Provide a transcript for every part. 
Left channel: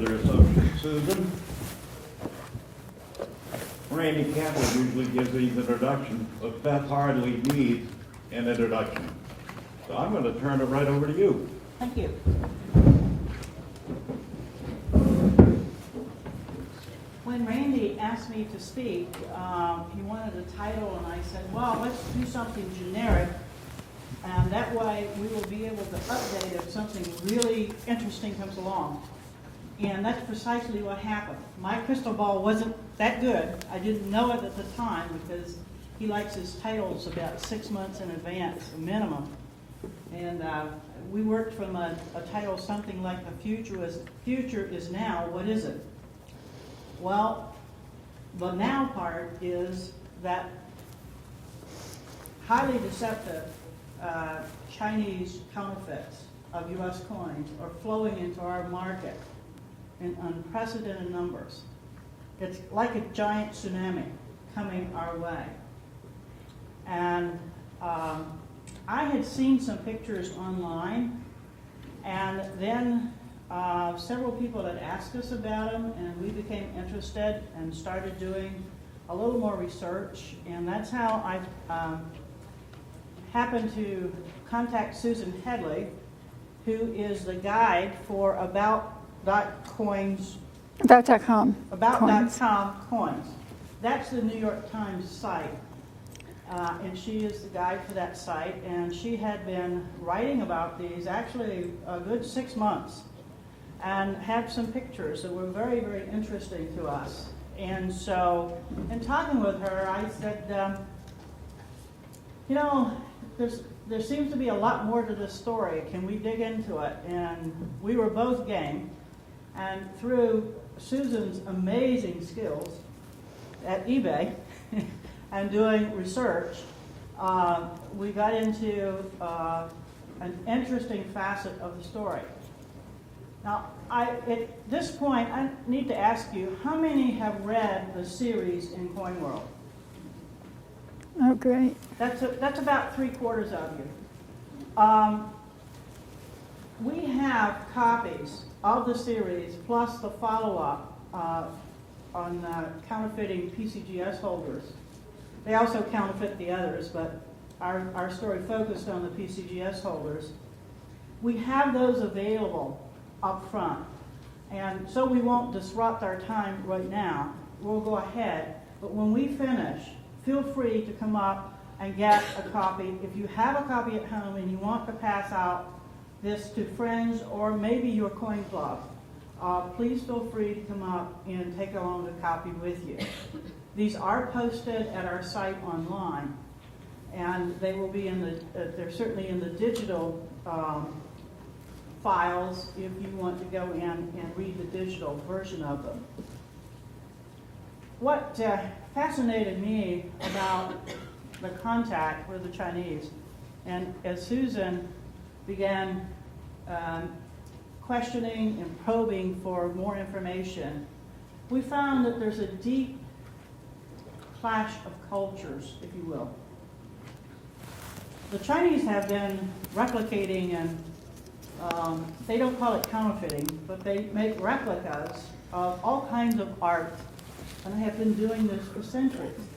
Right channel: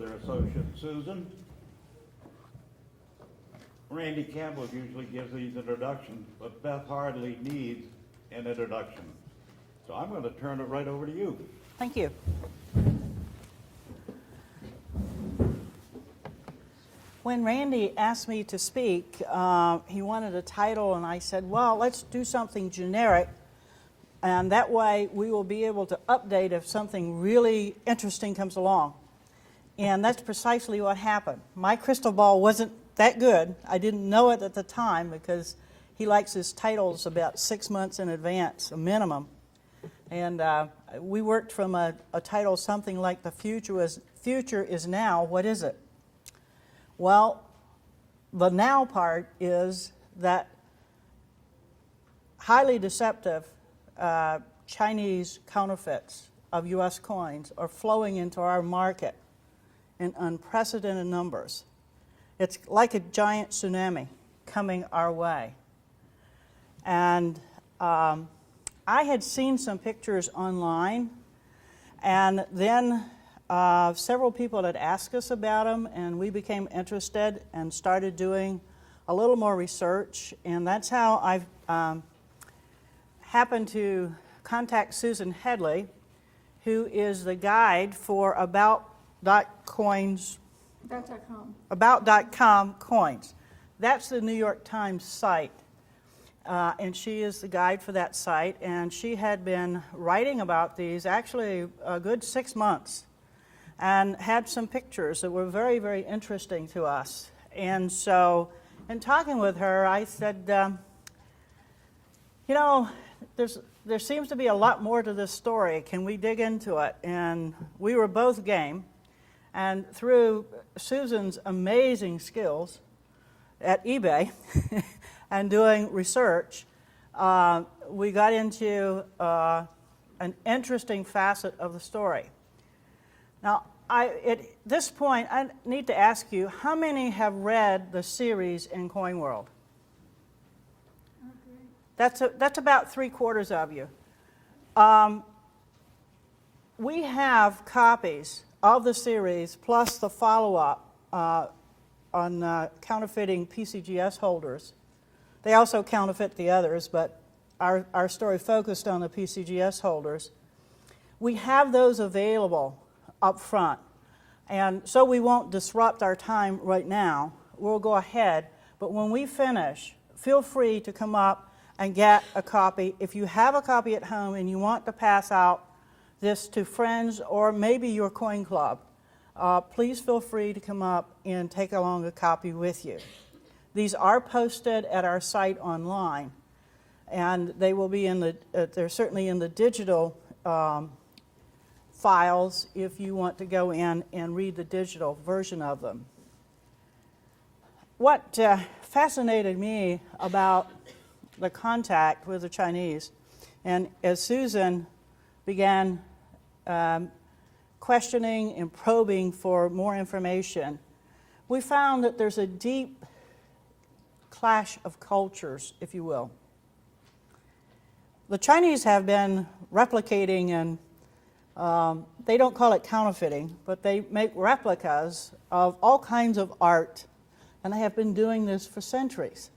with her associate Susan. Randy Campbell usually gives these introductions, but Beth hardly needs an introduction. So I'm going to turn it right over to you. Thank you. When Randy asked me to speak, he wanted a title, and I said, well, let's do something generic, and that way we will be able to update if something really interesting comes along. And that's precisely what happened. My crystal ball wasn't that good. I didn't know it at the time because he likes his titles about 6 months in advance, a minimum. And we worked from a title something like "The future is now. What is it?" Well, the now part is that highly deceptive Chinese counterfeits of U.S. coins are flowing into our market in unprecedented numbers. It's like a giant tsunami coming our way. And I had seen some pictures online, and then several people had asked us about them, and we became interested and started doing a little more research, and that's how I happened to contact Susan Headley, who is the guide for About.com coins. That's the New York Times site, and she is the guide for that site, and she had been writing about these actually a good 6 months and had some pictures that were very, very interesting to us. And so in talking with her, I said, you know, there seems to be a lot more to this story. Can we dig into it? And we were both game. And through Susan's amazing skills at eBay and doing research, we got into an interesting facet of the story. Now, at this point, I need to ask you, how many have read the series in Coin World? Oh, great. That's about 3/4 of you. We have copies of the series plus the follow-up on counterfeiting PCGS holders. They also counterfeit the others, but our story focused on the PCGS holders. We have those available up front, and so we won't disrupt our time right now. We'll go ahead, but when we finish, feel free to come up and get a copy. If you have a copy at home and you want to pass out this to friends or maybe your coin club, please feel free to come up and take along a copy with you. These are posted at our site online, and they will be they're certainly in the digital files if you want to go in and read the digital version of them. What fascinated me about the contact with the Chinese, and as Susan began questioning and probing for more information, we found that there's a deep clash of cultures, if you will. The Chinese have been replicating, and they don't call it counterfeiting, but they make replicas of all kinds of art, and they have been doing this for centuries.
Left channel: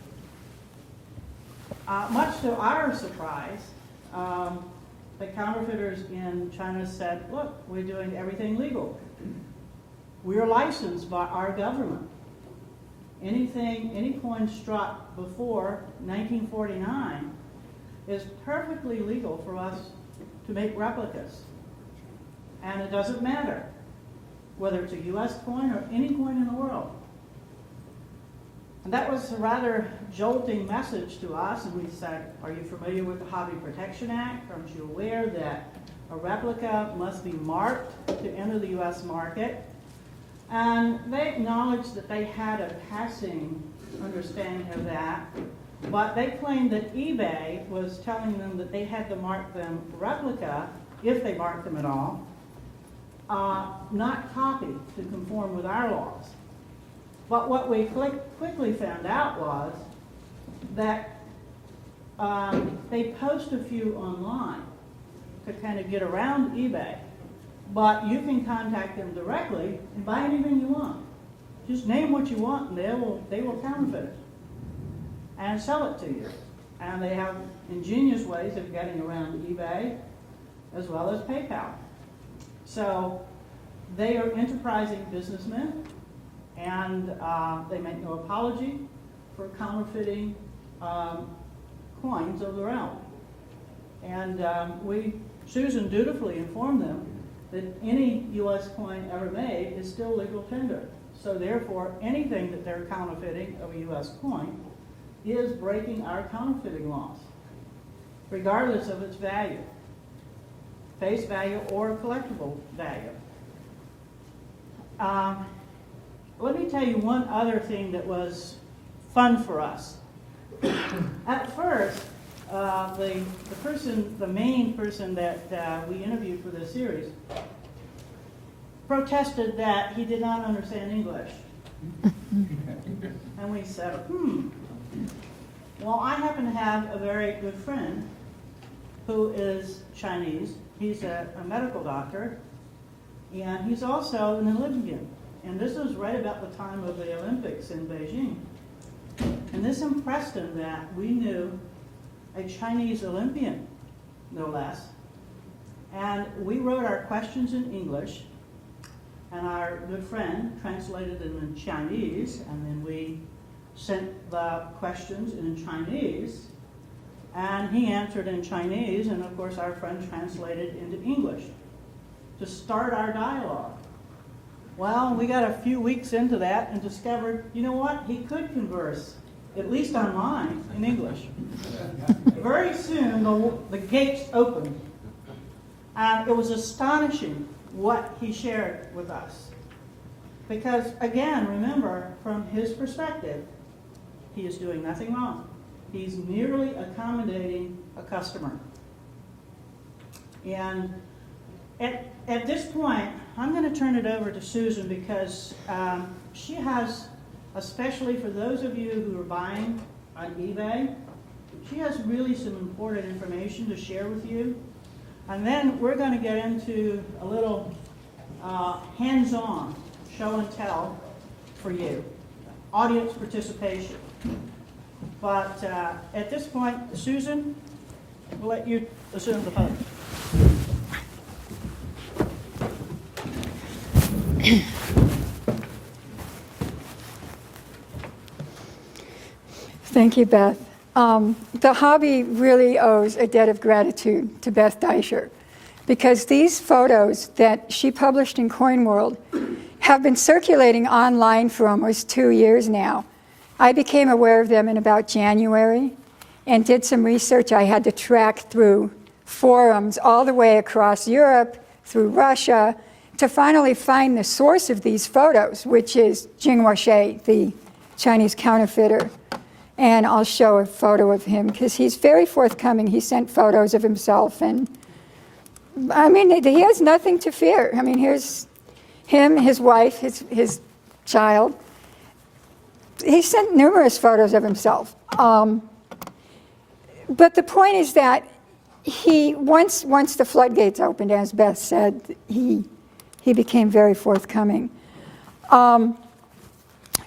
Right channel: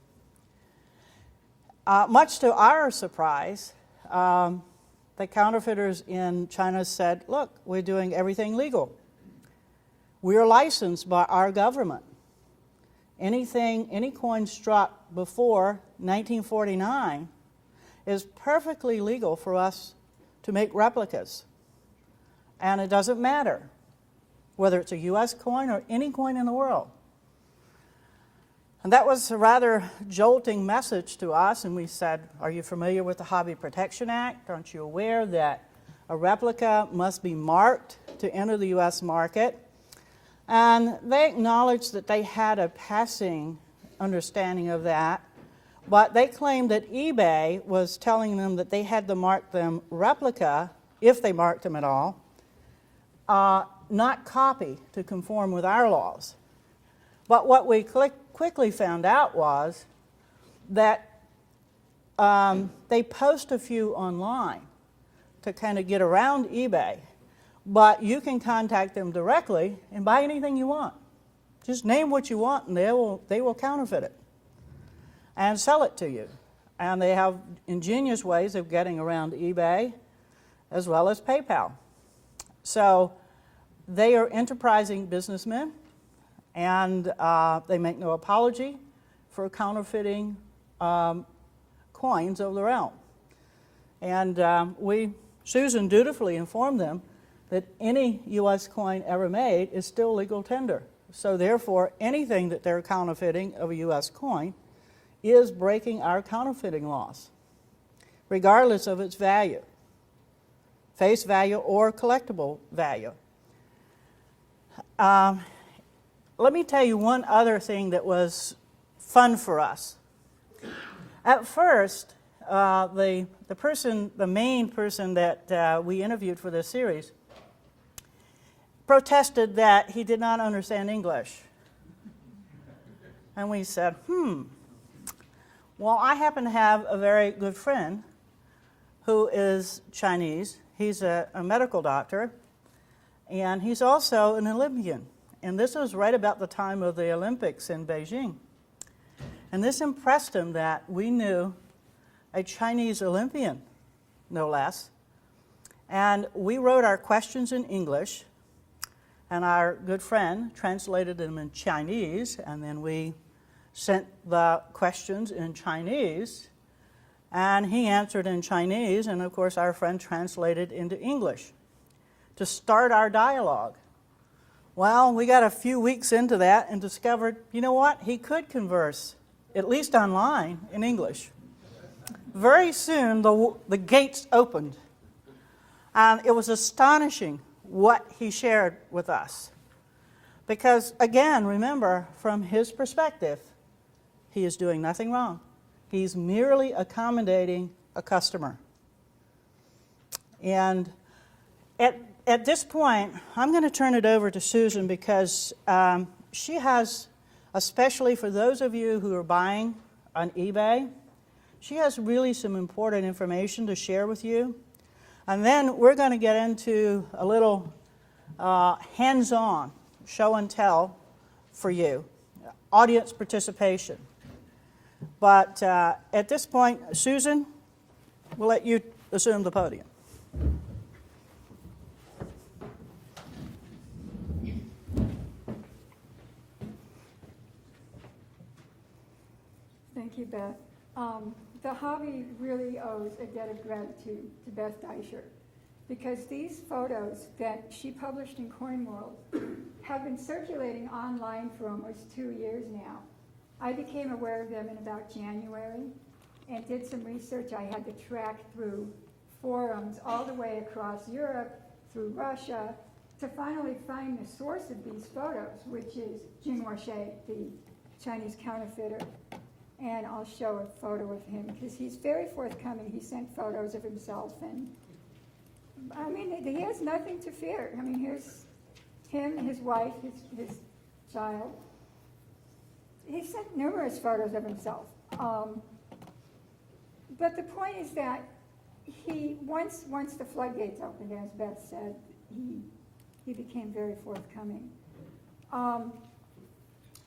Much to our surprise, the counterfeiters in China said, look, we're doing everything legal. We're licensed by our government. Any coin struck before 1949 is perfectly legal for us to make replicas. And it doesn't matter whether it's a US coin or any coin in the world. And that was a rather jolting message to us, and we said, are you familiar with the Hobby Protection Act? Aren't you aware that a replica must be marked to enter the US market? And they acknowledged that they had a passing understanding of that, but they claimed that eBay was telling them that they had to mark them replica, if they marked them at all, not copy, to conform with our laws. But what we quickly found out was that they post a few online to kind of get around eBay, But you can contact them directly and buy anything you want. Just name what you want and they will counterfeit it and sell it to you. And they have ingenious ways of getting around eBay as well as PayPal. So they are enterprising businessmen, and they make no apology for counterfeiting coins of their own. And Susan dutifully informed them that any U.S. coin ever made is still legal tender. So therefore, anything that they're counterfeiting of a U.S. coin is breaking our counterfeiting laws, regardless of its value, face value or collectible value. Let me tell you one other thing that was fun for us. At first, the main person that we interviewed for this series protested that he did not understand English. And we said, well, I happen to have a very good friend who is Chinese. He's a medical doctor, and he's also an Olympian. And this was right about the time of the Olympics in Beijing. And this impressed him that we knew a Chinese Olympian, no less. And we wrote our questions in English, and our good friend translated them in Chinese, and then we sent the questions in Chinese, and he answered in Chinese, and of course our friend translated into English to start our dialogue. Well, we got a few weeks into that and discovered, you know what, he could converse, at least online, in English. Very soon the gates opened, and it was astonishing what he shared with us. Because again, remember, from his perspective, he is doing nothing wrong. He's merely accommodating a customer. And at this point, I'm going to turn it over to Susan because she has, especially for those of you who are buying on eBay, she has really some important information to share with you. And then we're going to get into a little hands-on show and tell for you, audience participation. But at this point, Susan, we'll let you assume the podium. Thank you, Beth. The hobby really owes a debt of gratitude to Beth Deisher, because these photos that she published in Coin World have been circulating online for almost 2 years now. I became aware of them in about January and did some research. I had to track through forums all the way across Europe, through Russia, to finally find the source of these photos, which is Jingwashe, the Chinese counterfeiter. And I'll show a photo of him because he's very forthcoming. He sent photos of himself, and I mean, he has nothing to fear. I mean, here's him, his wife, his child. He sent numerous photos of himself. But the point is that once the floodgates opened, as Beth said, he became very forthcoming. I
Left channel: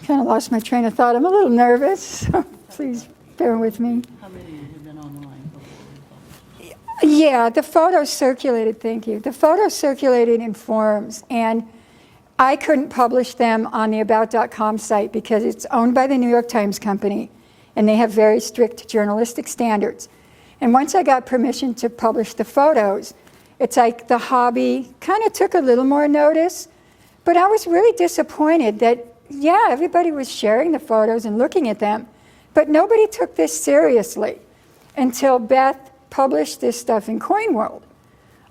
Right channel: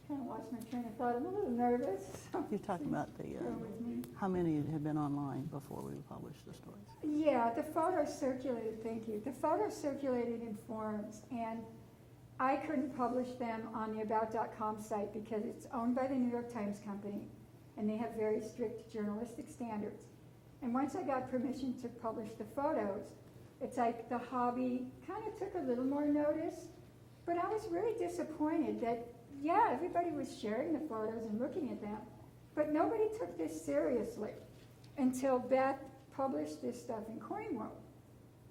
kind of lost my train of thought. I'm a little nervous, so please bear with me. How many have been online before we published? Yeah, the photos circulated, thank you. The photos circulated in forums, and I couldn't publish them on the About.com site because it's owned by the New York Times Company, and they have very strict journalistic standards. And once I got permission to publish the photos, it's like the hobby kind of took a little more notice, but I was really disappointed that, yeah, everybody was sharing the photos and looking at them, but nobody took this seriously until Beth published this stuff in Coin World.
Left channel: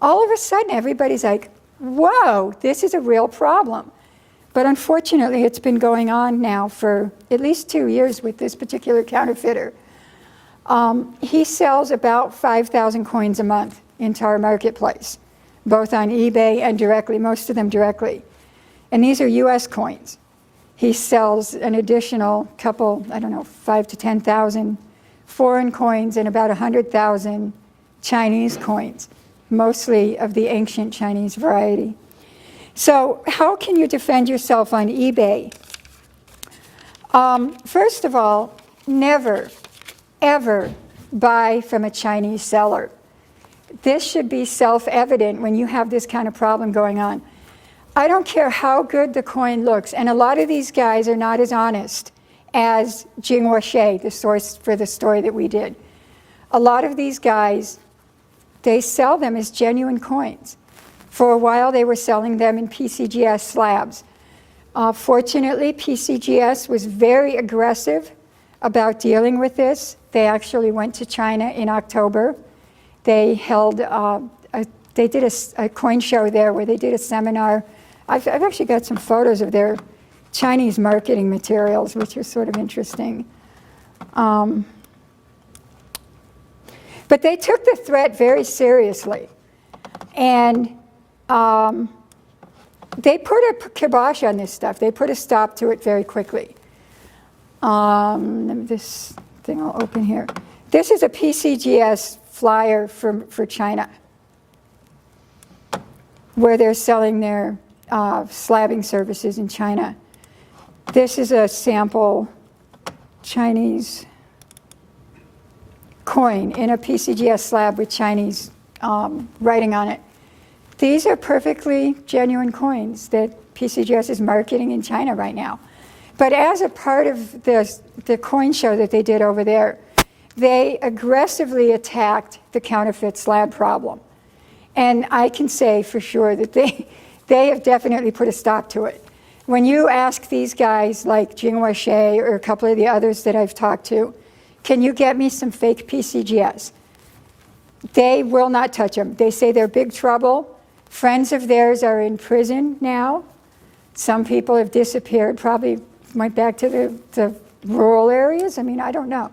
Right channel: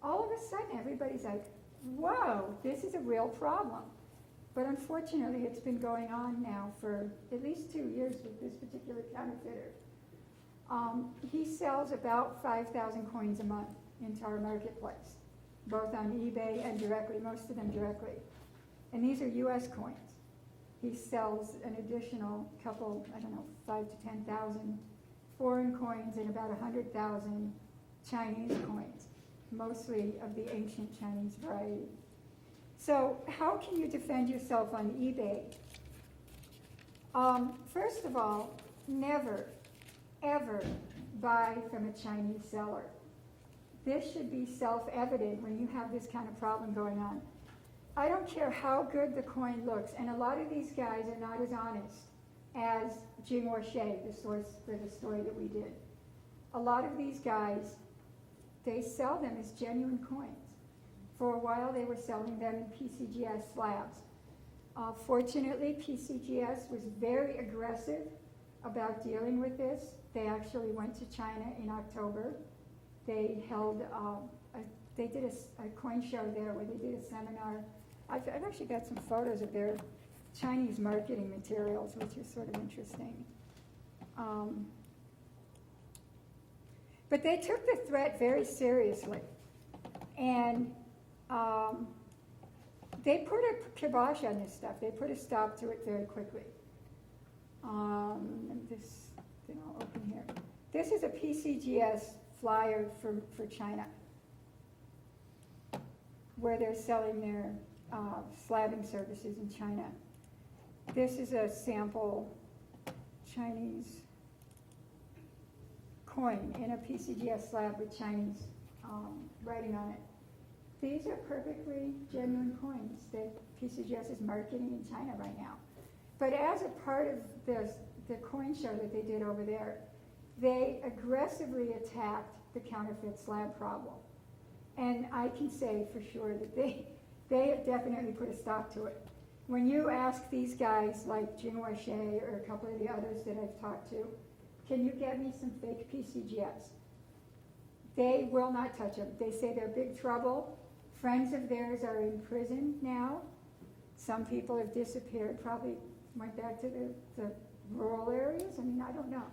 All of a sudden, everybody's like, whoa, this is a real problem. But unfortunately, it's been going on now for at least 2 years with this particular counterfeiter. He sells about 5,000 coins a month into our marketplace, both on eBay and directly, most of them directly. And these are US coins. He sells an additional couple, 5 to 10,000 foreign coins and about 100,000 Chinese coins, mostly of the ancient Chinese variety. So how can you defend yourself on eBay? First of all, never, ever buy from a Chinese seller. This should be self-evident when you have this kind of problem going on. I don't care how good the coin looks, and a lot of these guys are not as honest as Jinghua She, the source for the story that we did. A lot of these guys, they sell them as genuine coins. For a while, they were selling them in PCGS slabs. Fortunately, PCGS was very aggressive about dealing with this. They actually went to China in October. They held, they did a coin show there where they did a seminar. I've actually got some photos of their Chinese marketing materials, which are sort of interesting. But they took the threat very seriously. And they put a kibosh on this stuff. They put a stop to it very quickly. This thing I'll open here. This is a PCGS flyer for China, where they're selling their slabbing services in China. This is a sample Chinese coin in a PCGS slab with Chinese writing on it. These are perfectly genuine coins that PCGS is marketing in China right now. But as a part of the coin show that they did over there, they aggressively attacked the counterfeit slab problem. And I can say for sure that they have definitely put a stop to it. When you ask these guys like Jinghua She or a couple of the others that I've talked to, can you get me some fake PCGS? They will not touch them. They say they're big trouble. Friends of theirs are in prison now. Some people have disappeared, probably went back to the rural areas. I mean, I don't know.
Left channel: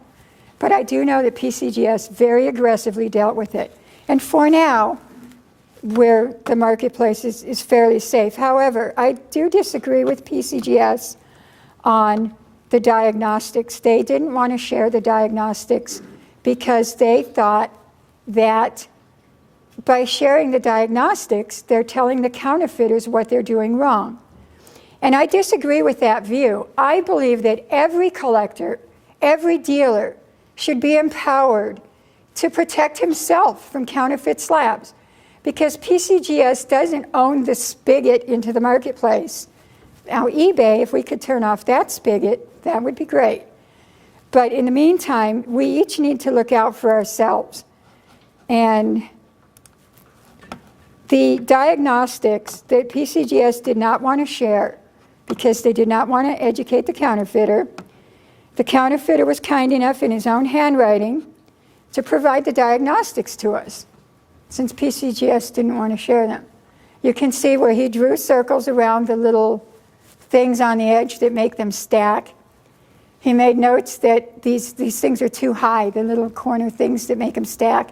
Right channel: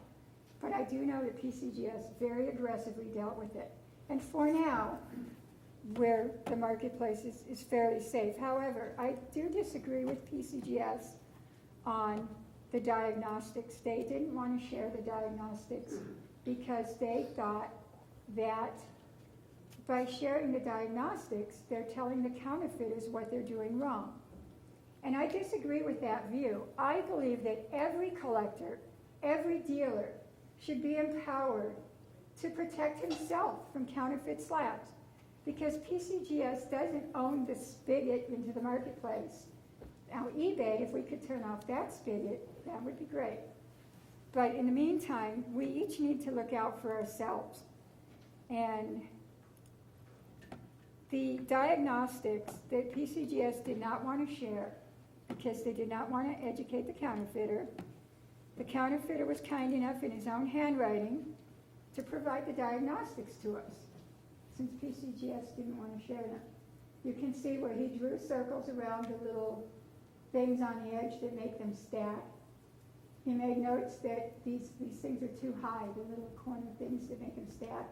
But I do know that PCGS very aggressively dealt with it. And for now, where the marketplace is fairly safe. However, I do disagree with PCGS on the diagnostics. They didn't want to share the diagnostics because they thought that by sharing the diagnostics, they're telling the counterfeiters what they're doing wrong. And I disagree with that view. I believe that every collector, every dealer should be empowered to protect himself from counterfeit slabs, because PCGS doesn't own the spigot into the marketplace. Now, eBay, if we could turn off that spigot, that would be great. But in the meantime, we each need to look out for ourselves. And the diagnostics that PCGS did not want to share because they did not want to educate the counterfeiter was kind enough in his own handwriting to provide the diagnostics to us, since PCGS didn't want to share them. You can see where he drew circles around the little things on the edge that make them stack. He made notes that these things are too high, the little corner things that make them stack.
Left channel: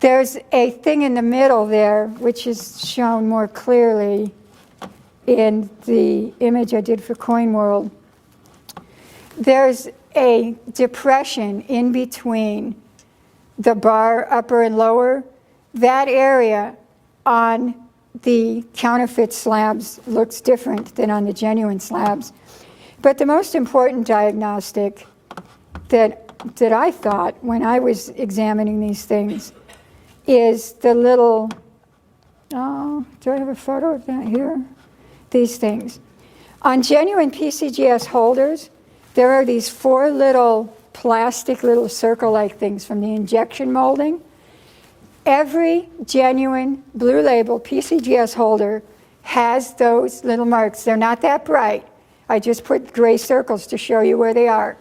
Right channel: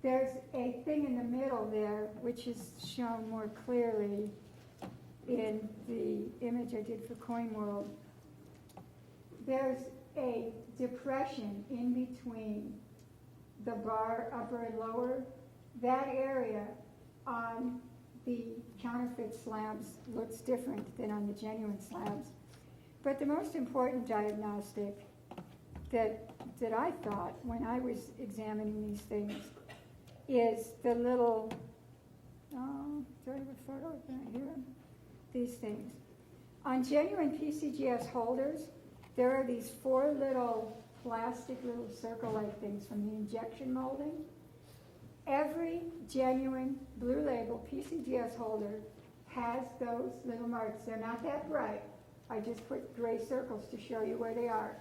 There's a thing in the middle there, which is shown more clearly in the image I did for Coin World. There's a depression in between the bar upper and lower. That area on the counterfeit slabs looks different than on the genuine slabs. But the most important diagnostic that I thought when I was examining these things is the little, do I have a photo of that here? These things. On genuine PCGS holders, there are these 4 little plastic little circle-like things from the injection molding. Every genuine blue label PCGS holder has those little marks. They're not that bright. I just put gray circles to show you where they are.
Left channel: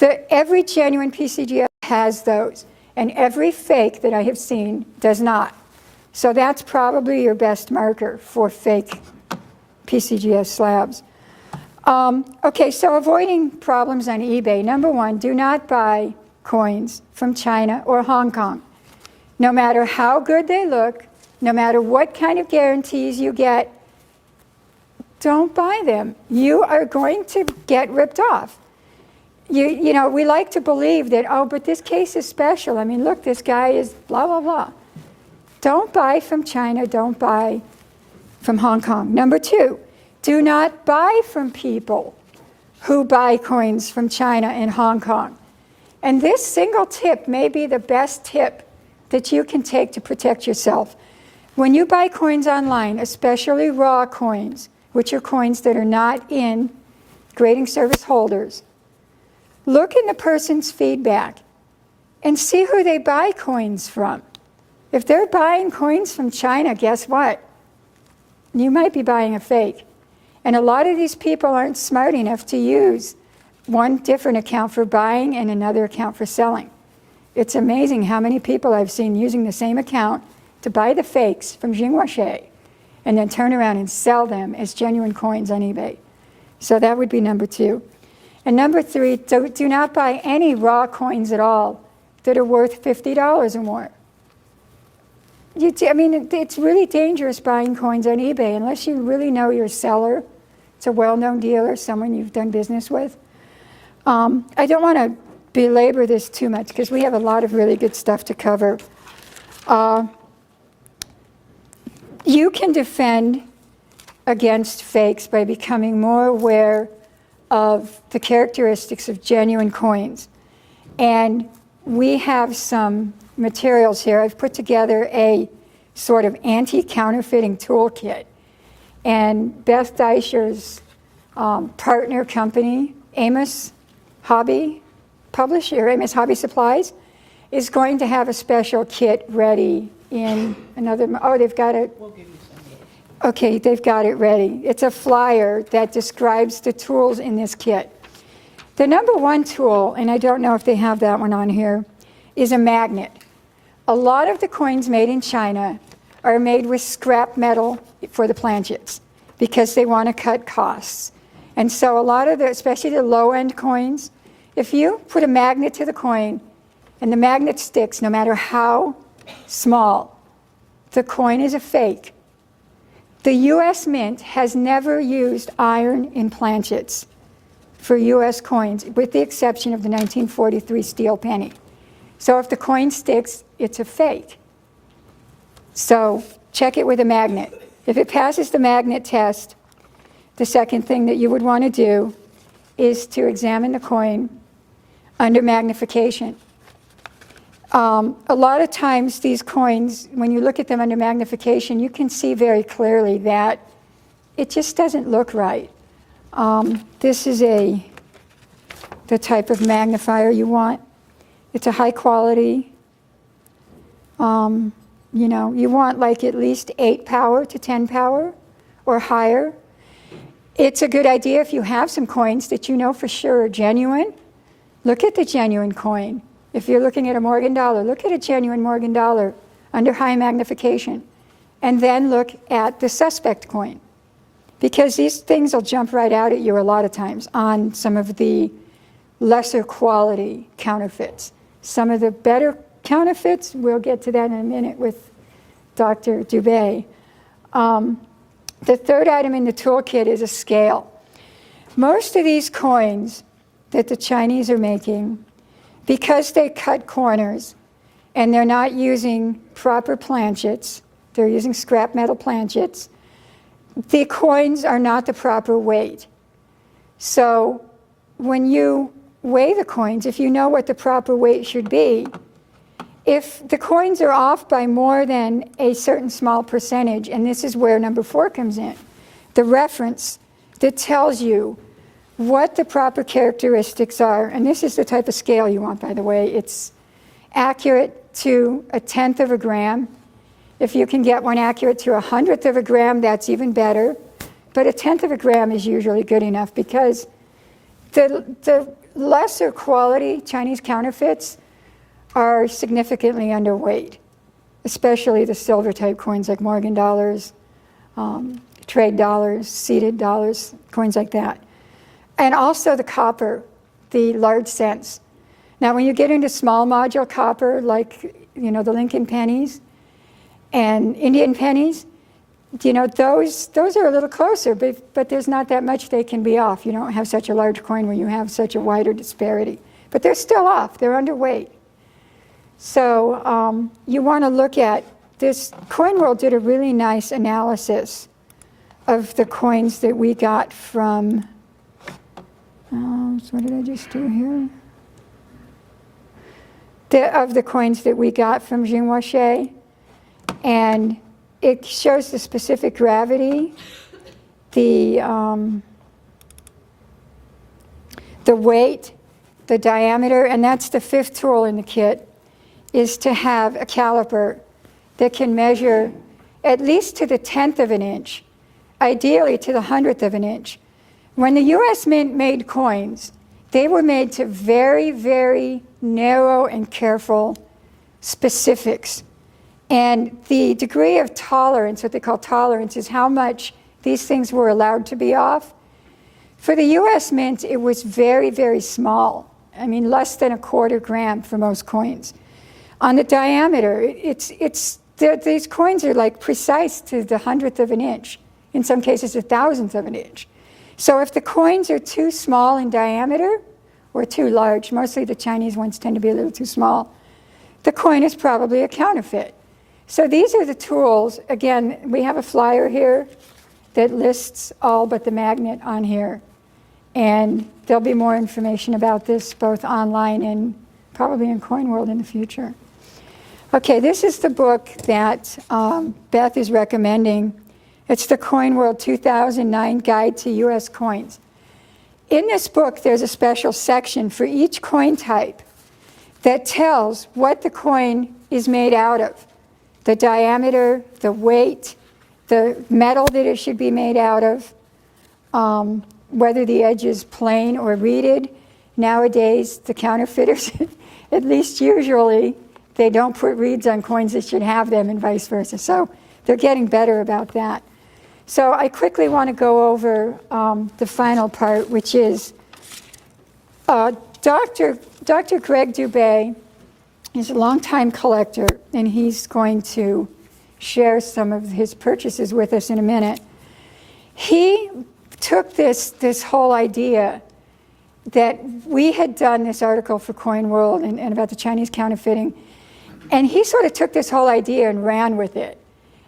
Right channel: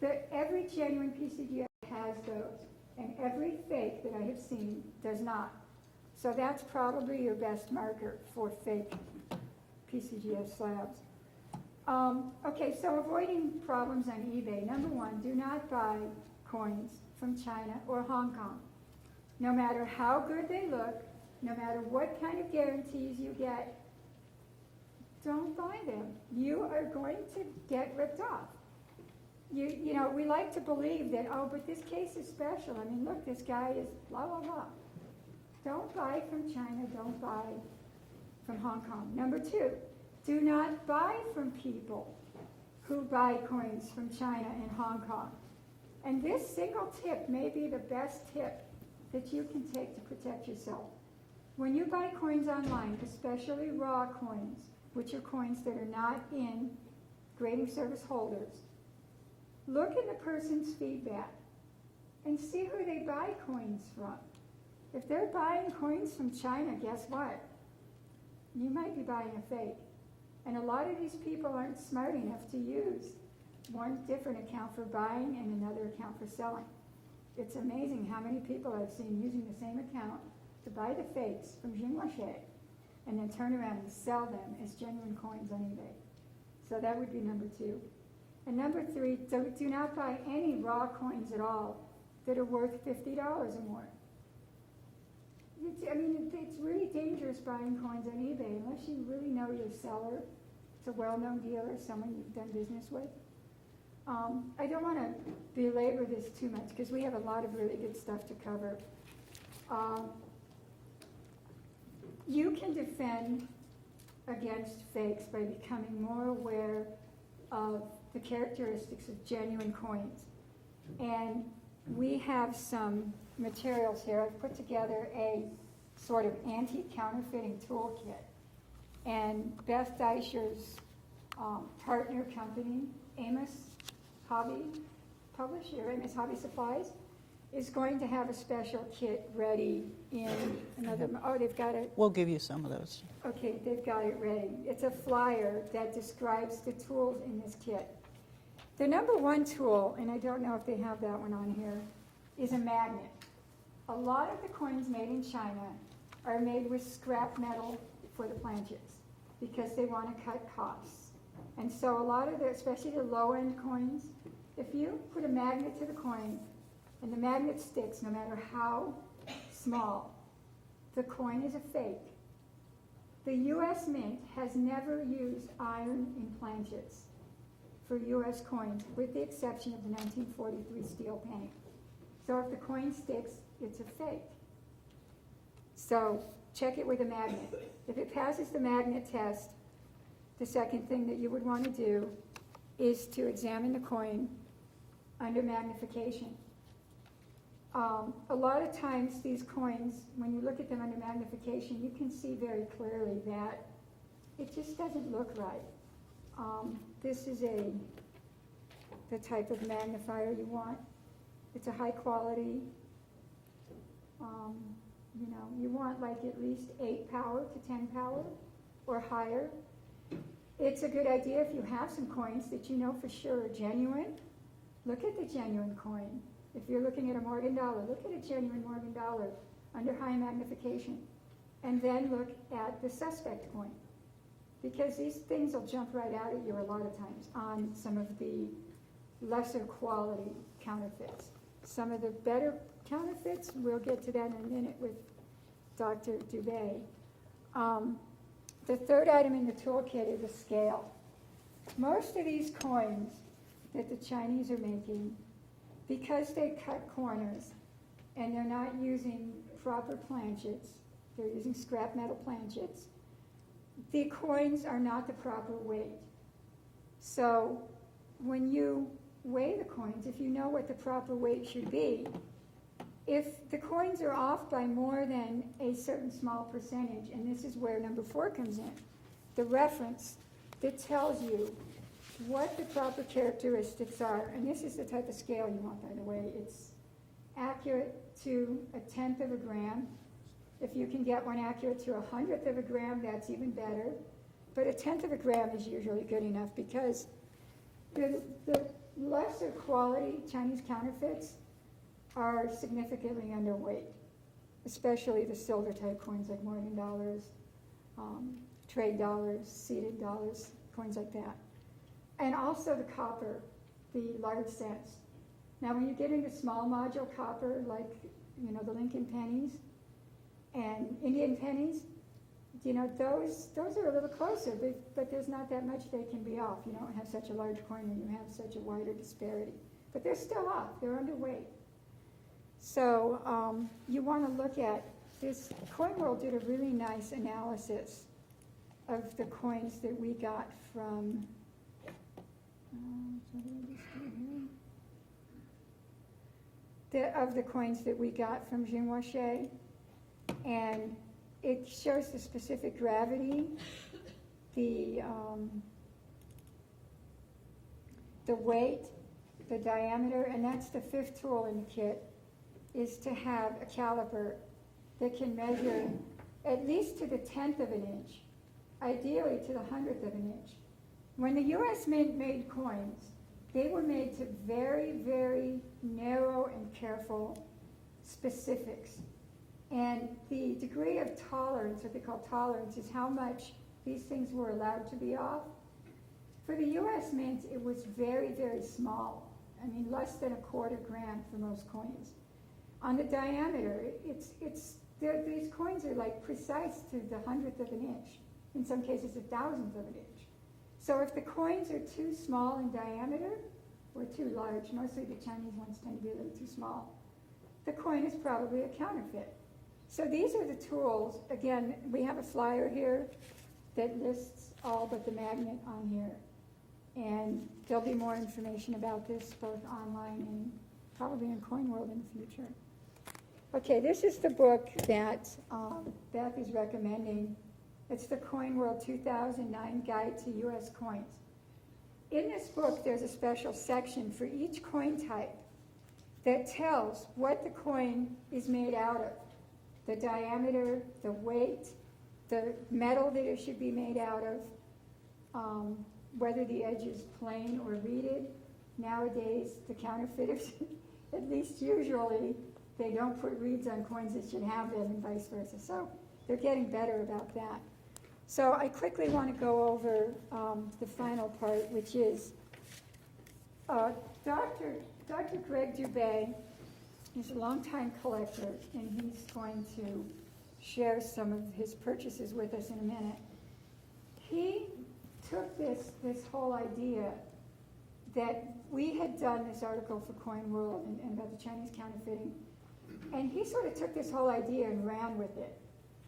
Every genuine PCGS has those, and every fake that I have seen does not. So that's probably your best marker for fake PCGS slabs. Okay, so avoiding problems on eBay. Number 1, do not buy coins from China or Hong Kong. No matter how good they look, no matter what kind of guarantees you get, don't buy them. You are going to get ripped off. You know, we like to believe that, oh, but this case is special. I mean, look, this guy is blah, blah, blah. Don't buy from China, don't buy from Hong Kong. Number 2, do not buy from people who buy coins from China and Hong Kong. And this single tip may be the best tip that you can take to protect yourself. When you buy coins online, especially raw coins, which are coins that are not in grading service holders, look in the person's feedback and see who they buy coins from. If they're buying coins from China, guess what? You might be buying a fake. And a lot of these people aren't smart enough to use one different account for buying and another account for selling. It's amazing how many people I've seen using the same account to buy the fakes from Jingwashi and then turn around and sell them as genuine coins on eBay. So that would be number 2. And number 3, do not buy any raw coins at all that are worth $50 or more. I mean, it's really dangerous buying coins on eBay unless you really know your seller. It's a well-known dealer, someone you've done business with. I don't want to belabor this too much because we have a lot of really good stuff to cover. You can defend against fakes by becoming more aware of the characteristics of genuine coins. And we have some materials here. I've put together a sort of anti-counterfeiting toolkit. And Beth Deisher's partner company, Amos Hobby Publisher, Amos Hobby Supplies, is going to have a special kit ready in another, they've got it. We'll give you some of those. Okay, they've got it ready. It's a flyer that describes the tools in this kit. The number 1 tool, and I don't know if they have that one on here, is a magnet. A lot of the coins made in China are made with scrap metal for the planchets because they want to cut costs. And so a lot of the, especially the low-end coins, if you put a magnet to the coin and the magnet sticks, no matter how small, the coin is a fake. The U.S. Mint has never used iron in planchets for U.S. coins, with the exception of the 1943 steel penny. So if the coin sticks, it's a fake. So check it with a magnet. If it passes the magnet test, the second thing that you would want to do is to examine the coin under magnification. A lot of times these coins, when you look at them under magnification, you can see very clearly that it just doesn't look right. This is the type of magnifier you want. It's a high quality. You want like at least 8 power to 10 power or higher. It's a good idea if you have some coins that you know for sure are genuine. Look at the genuine coin. If you're looking at a Morgan dollar, look at a genuine Morgan dollar under high magnification. And then look at the suspect coin. Because these things will jump right out at you a lot of times on some of the lesser quality counterfeits. Some of the better counterfeits, we'll get to that in a minute with Dr. Dubay. The third item in the toolkit is a scale. Most of these coins that the Chinese are making, because they cut corners and they're not using proper planchets, they're using scrap metal planchets, the coins are not the proper weight. So when you weigh the coins, if you know what the proper weight should be, if the coins are off by more than a certain small percentage, and this is where number 4 comes in, the reference that tells you what the proper characteristics are, and this is the type of scale you want, by the way. It's accurate to 1/10 of a gram. If you can get one accurate to 100th of a gram, that's even better. But 1/10 of a gram is usually good enough because the lesser quality Chinese counterfeits are significantly underweight, especially the silver type coins like Morgan dollars, trade dollars, seeded dollars, coins like that. And also the copper, the large cents. Now when you get into small module copper, like the Lincoln pennies and Indian pennies, those are a little closer, but there's not that much they can be off. You don't have such a large coin where you have such a wider disparity. But they're still off, they're underweight. So you want to look at Coin World did a really nice analysis of the coins that we got from, so what did I just do here? Of the coins that we got from Jinhuaxi, and it shows the specific gravity, the weight, the diameter, and that's the 5th tool in the kit, is to have a caliper that can measure at least to the 10th of an inch, ideally to the 100th of an inch. When the US Mint made coins, they were made to very, very narrow and careful specifics. And the degree of tolerance, what they call tolerance, is how much these things were allowed to be off. For the US Mint, it was very, very small. I mean, less than 1/4 gram for most coins. On the diameter, these coins are like precise to the 100th of an inch, in some cases 1,000th of an inch. So if the coins are too small in diameter or too large, mostly the Chinese ones tend to be a little too small, the coin is probably a counterfeit. So these are the tools. Again, we have a flyer here that lists all but the magnet on here. And there'll be more information about this both online and probably in Coin World in the future. Okay, this is the book that Beth is recommending. It's the Coin World 2009 Guide to U.S. Coins. In this book, there's a special section for each coin type that tells what the coin is made out of, the diameter, the weight, the metal that it should be made out of, whether the edge is plain or reeded. Nowadays, the counterfeiters, at least usually, they don't put reeds on coins that should have them and vice versa. So they're getting better about that. So I quickly want to go over the final part, which is Dr. Greg Dubay is a longtime collector, and he's going to share some of his purchases with us in a minute. He took this whole idea that we had done this article for Coin World and about the Chinese counterfeiting, and he sort of took this whole idea and ran with it.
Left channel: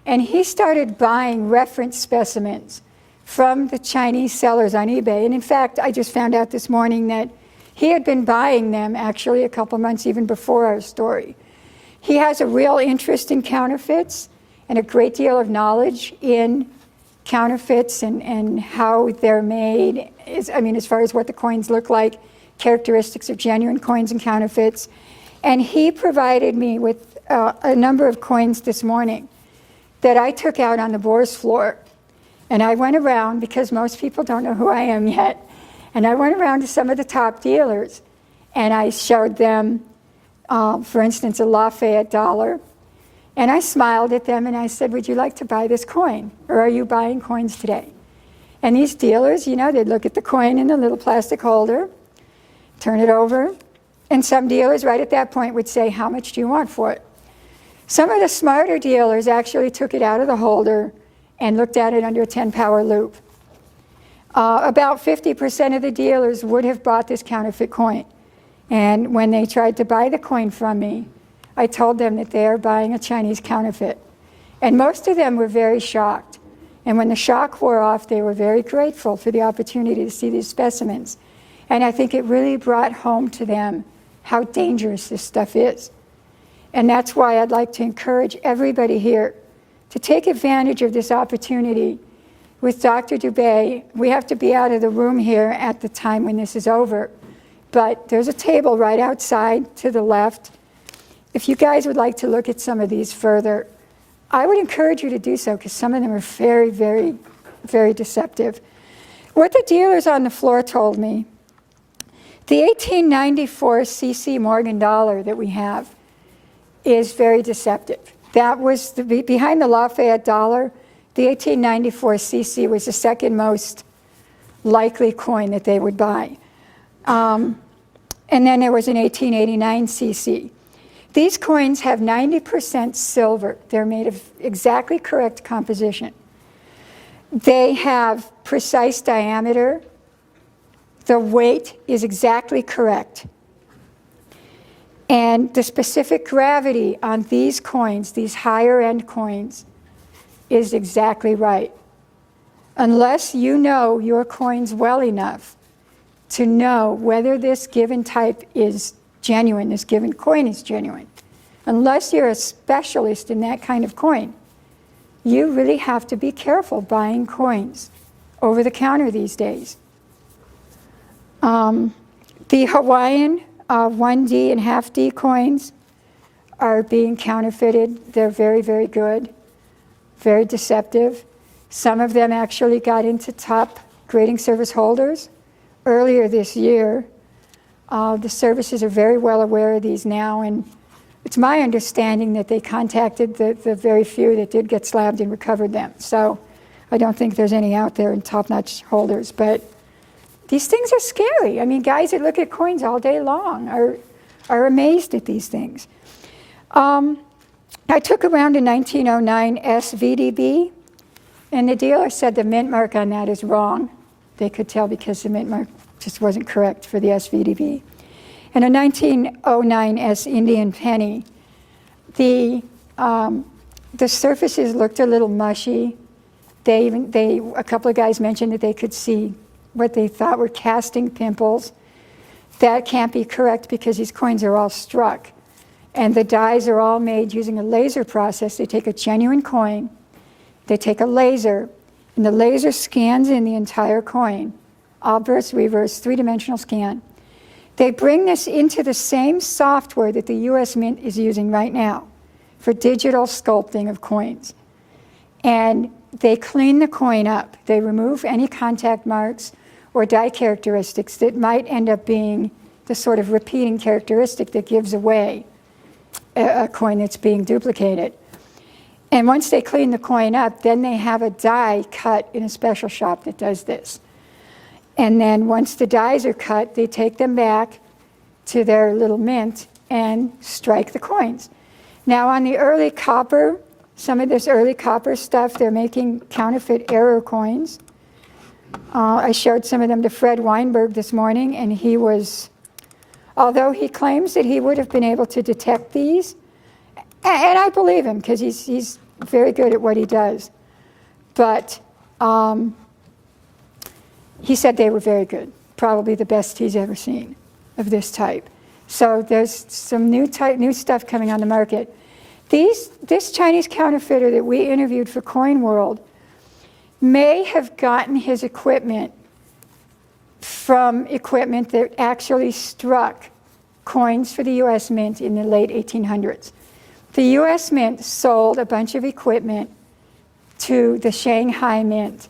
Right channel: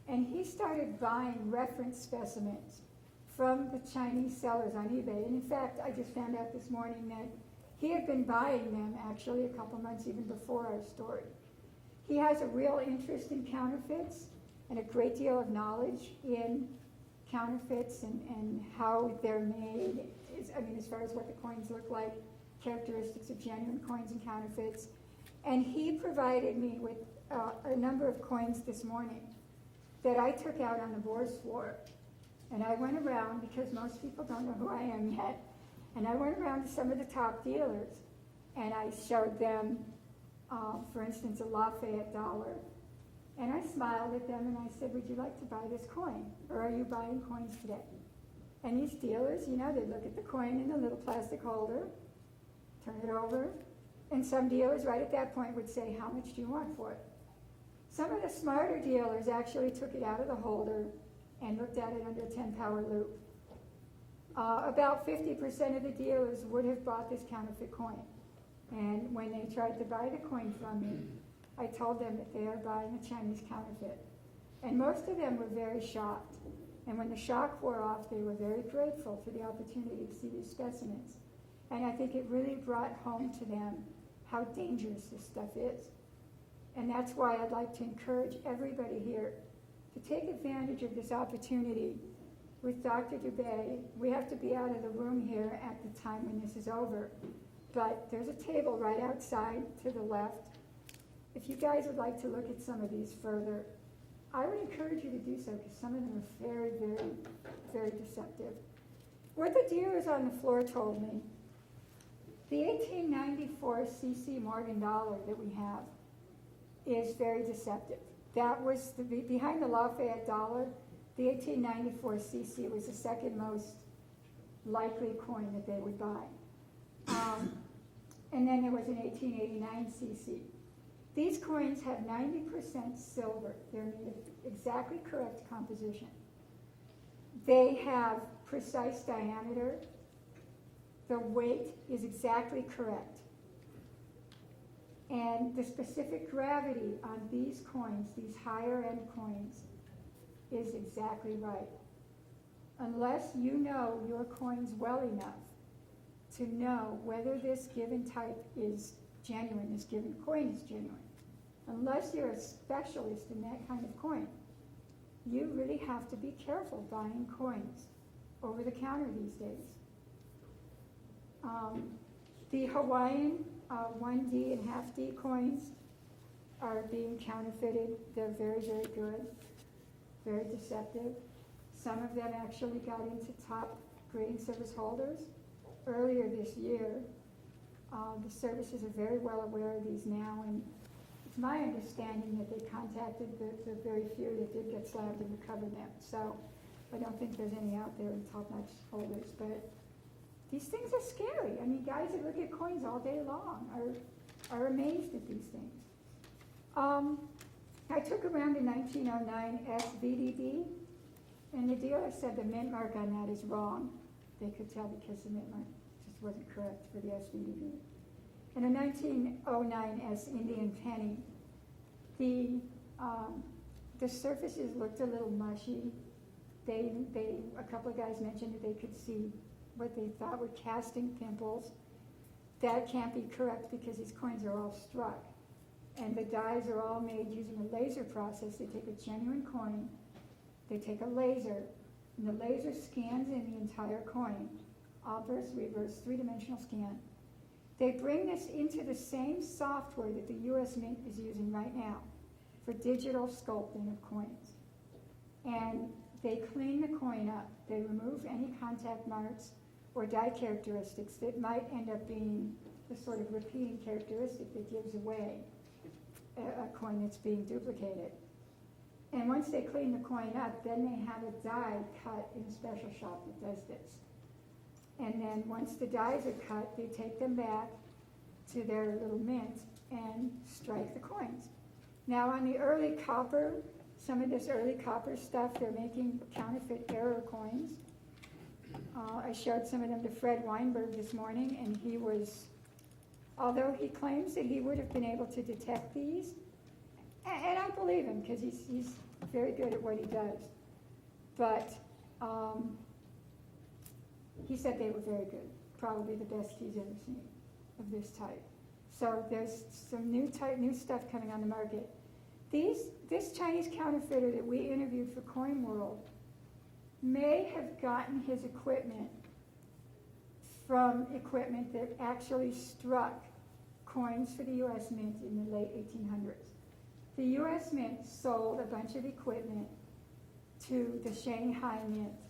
And he started buying reference specimens from the Chinese sellers on eBay. And in fact, I just found out this morning that he had been buying them actually a couple months even before our story. He has a real interest in counterfeits and a great deal of knowledge in counterfeits and how they're made, as far as what the coins look like, characteristics of genuine coins and counterfeits. And he provided me with a number of coins this morning that I took out on the Bourse floor. And I went around, because most people don't know who I am yet, and I went around to some of the top dealers, and I showed them, for instance, a Lafayette dollar, and I smiled at them and I said, would you like to buy this coin, or are you buying coins today? And these dealers, they'd look at the coin in the little plastic holder, turn it over, and some dealers right at that point would say, how much do you want for it? Some of the smarter dealers actually took it out of the holder and looked at it under a 10-power loop. About 50% of the dealers would have bought this counterfeit coin. And when they tried to buy the coin from me, I told them that they are buying a Chinese counterfeit. And most of them were very shocked. And when the shock wore off, they were very grateful for the opportunity to see these specimens. And I think it really brought home to them how dangerous this stuff is. And that's why I'd like to encourage everybody here to take advantage of this opportunity with Dr. Dubay. We have to be out of the room here at the time when this is over. But there's a table right outside to the left. If you guys would like to look at some of these further, I would encourage you to do so, because some of them are very, very, very deceptive. What the dealers on the floor told me, the 1894 CC Morgan dollar that we have is very deceptive. That was behind the Lafayette dollar. The 1894 CC was the second most likely coin that they would buy. And then there was an 1889 CC. These coins have 90% silver. They're made of exactly correct composition. They have precise diameter. The weight is exactly correct. And the specific gravity on these coins, these higher end coins, is exactly right. Unless you know your coins well enough to know whether this given type is genuine, this given coin is genuine, unless you're a specialist in that kind of coin, you really have to be careful buying coins over the counter these days. The Hawaiian 1D and half D coins are being counterfeited. They're very, very good, very deceptive. Some of them actually got into top grading service holders earlier this year. The services are very well aware of these now, and it's my understanding that they contacted the very few that did get slabbed and recovered them. So I don't think there's any out there in top-notch holders, but these things are scary. I mean, guys that look at coins all day long are amazed at these things. I took around a 1909 SVDB, and the dealer said the mint mark on that is wrong. They could tell because the mint mark just wasn't correct for the SVDB. And a 1909 S Indian penny, the surfaces looked a little mushy. A couple of guys mentioned that they could see what they thought were casting pimples. That can't be correct because these coins are all struck. And the dies are all made using a laser process. They take a genuine coin, they take a laser, and the laser scans in the entire coin, obverse, reverse, three-dimensional scan. They bring this into the same software that the US Mint is using right now for digital sculpting of coins. And they clean the coin up. They remove any contact marks or die characteristics that might end up being the sort of repeating characteristic that gives away a coin that's being duplicated. And once they clean the coin up, then they have a die cut in a special shop that does this. And then once the dies are cut, they take them back to their little mint and strike the coins. Now on the early copper, some of this early copper stuff, they're making counterfeit error coins. I showed some of them to Fred Weinberg this morning, and he was, although he claims that he would have been able to detect these, and I believe him because he's very good at what he does, but he said they were very good, probably the best he's ever seen of this type. So there's some new stuff coming on the market. This Chinese counterfeiter that we interviewed for Coin World may have gotten his equipment from equipment that actually struck coins for the US Mint in the late 1800s. The US Mint sold a bunch of equipment to the Shanghai Mint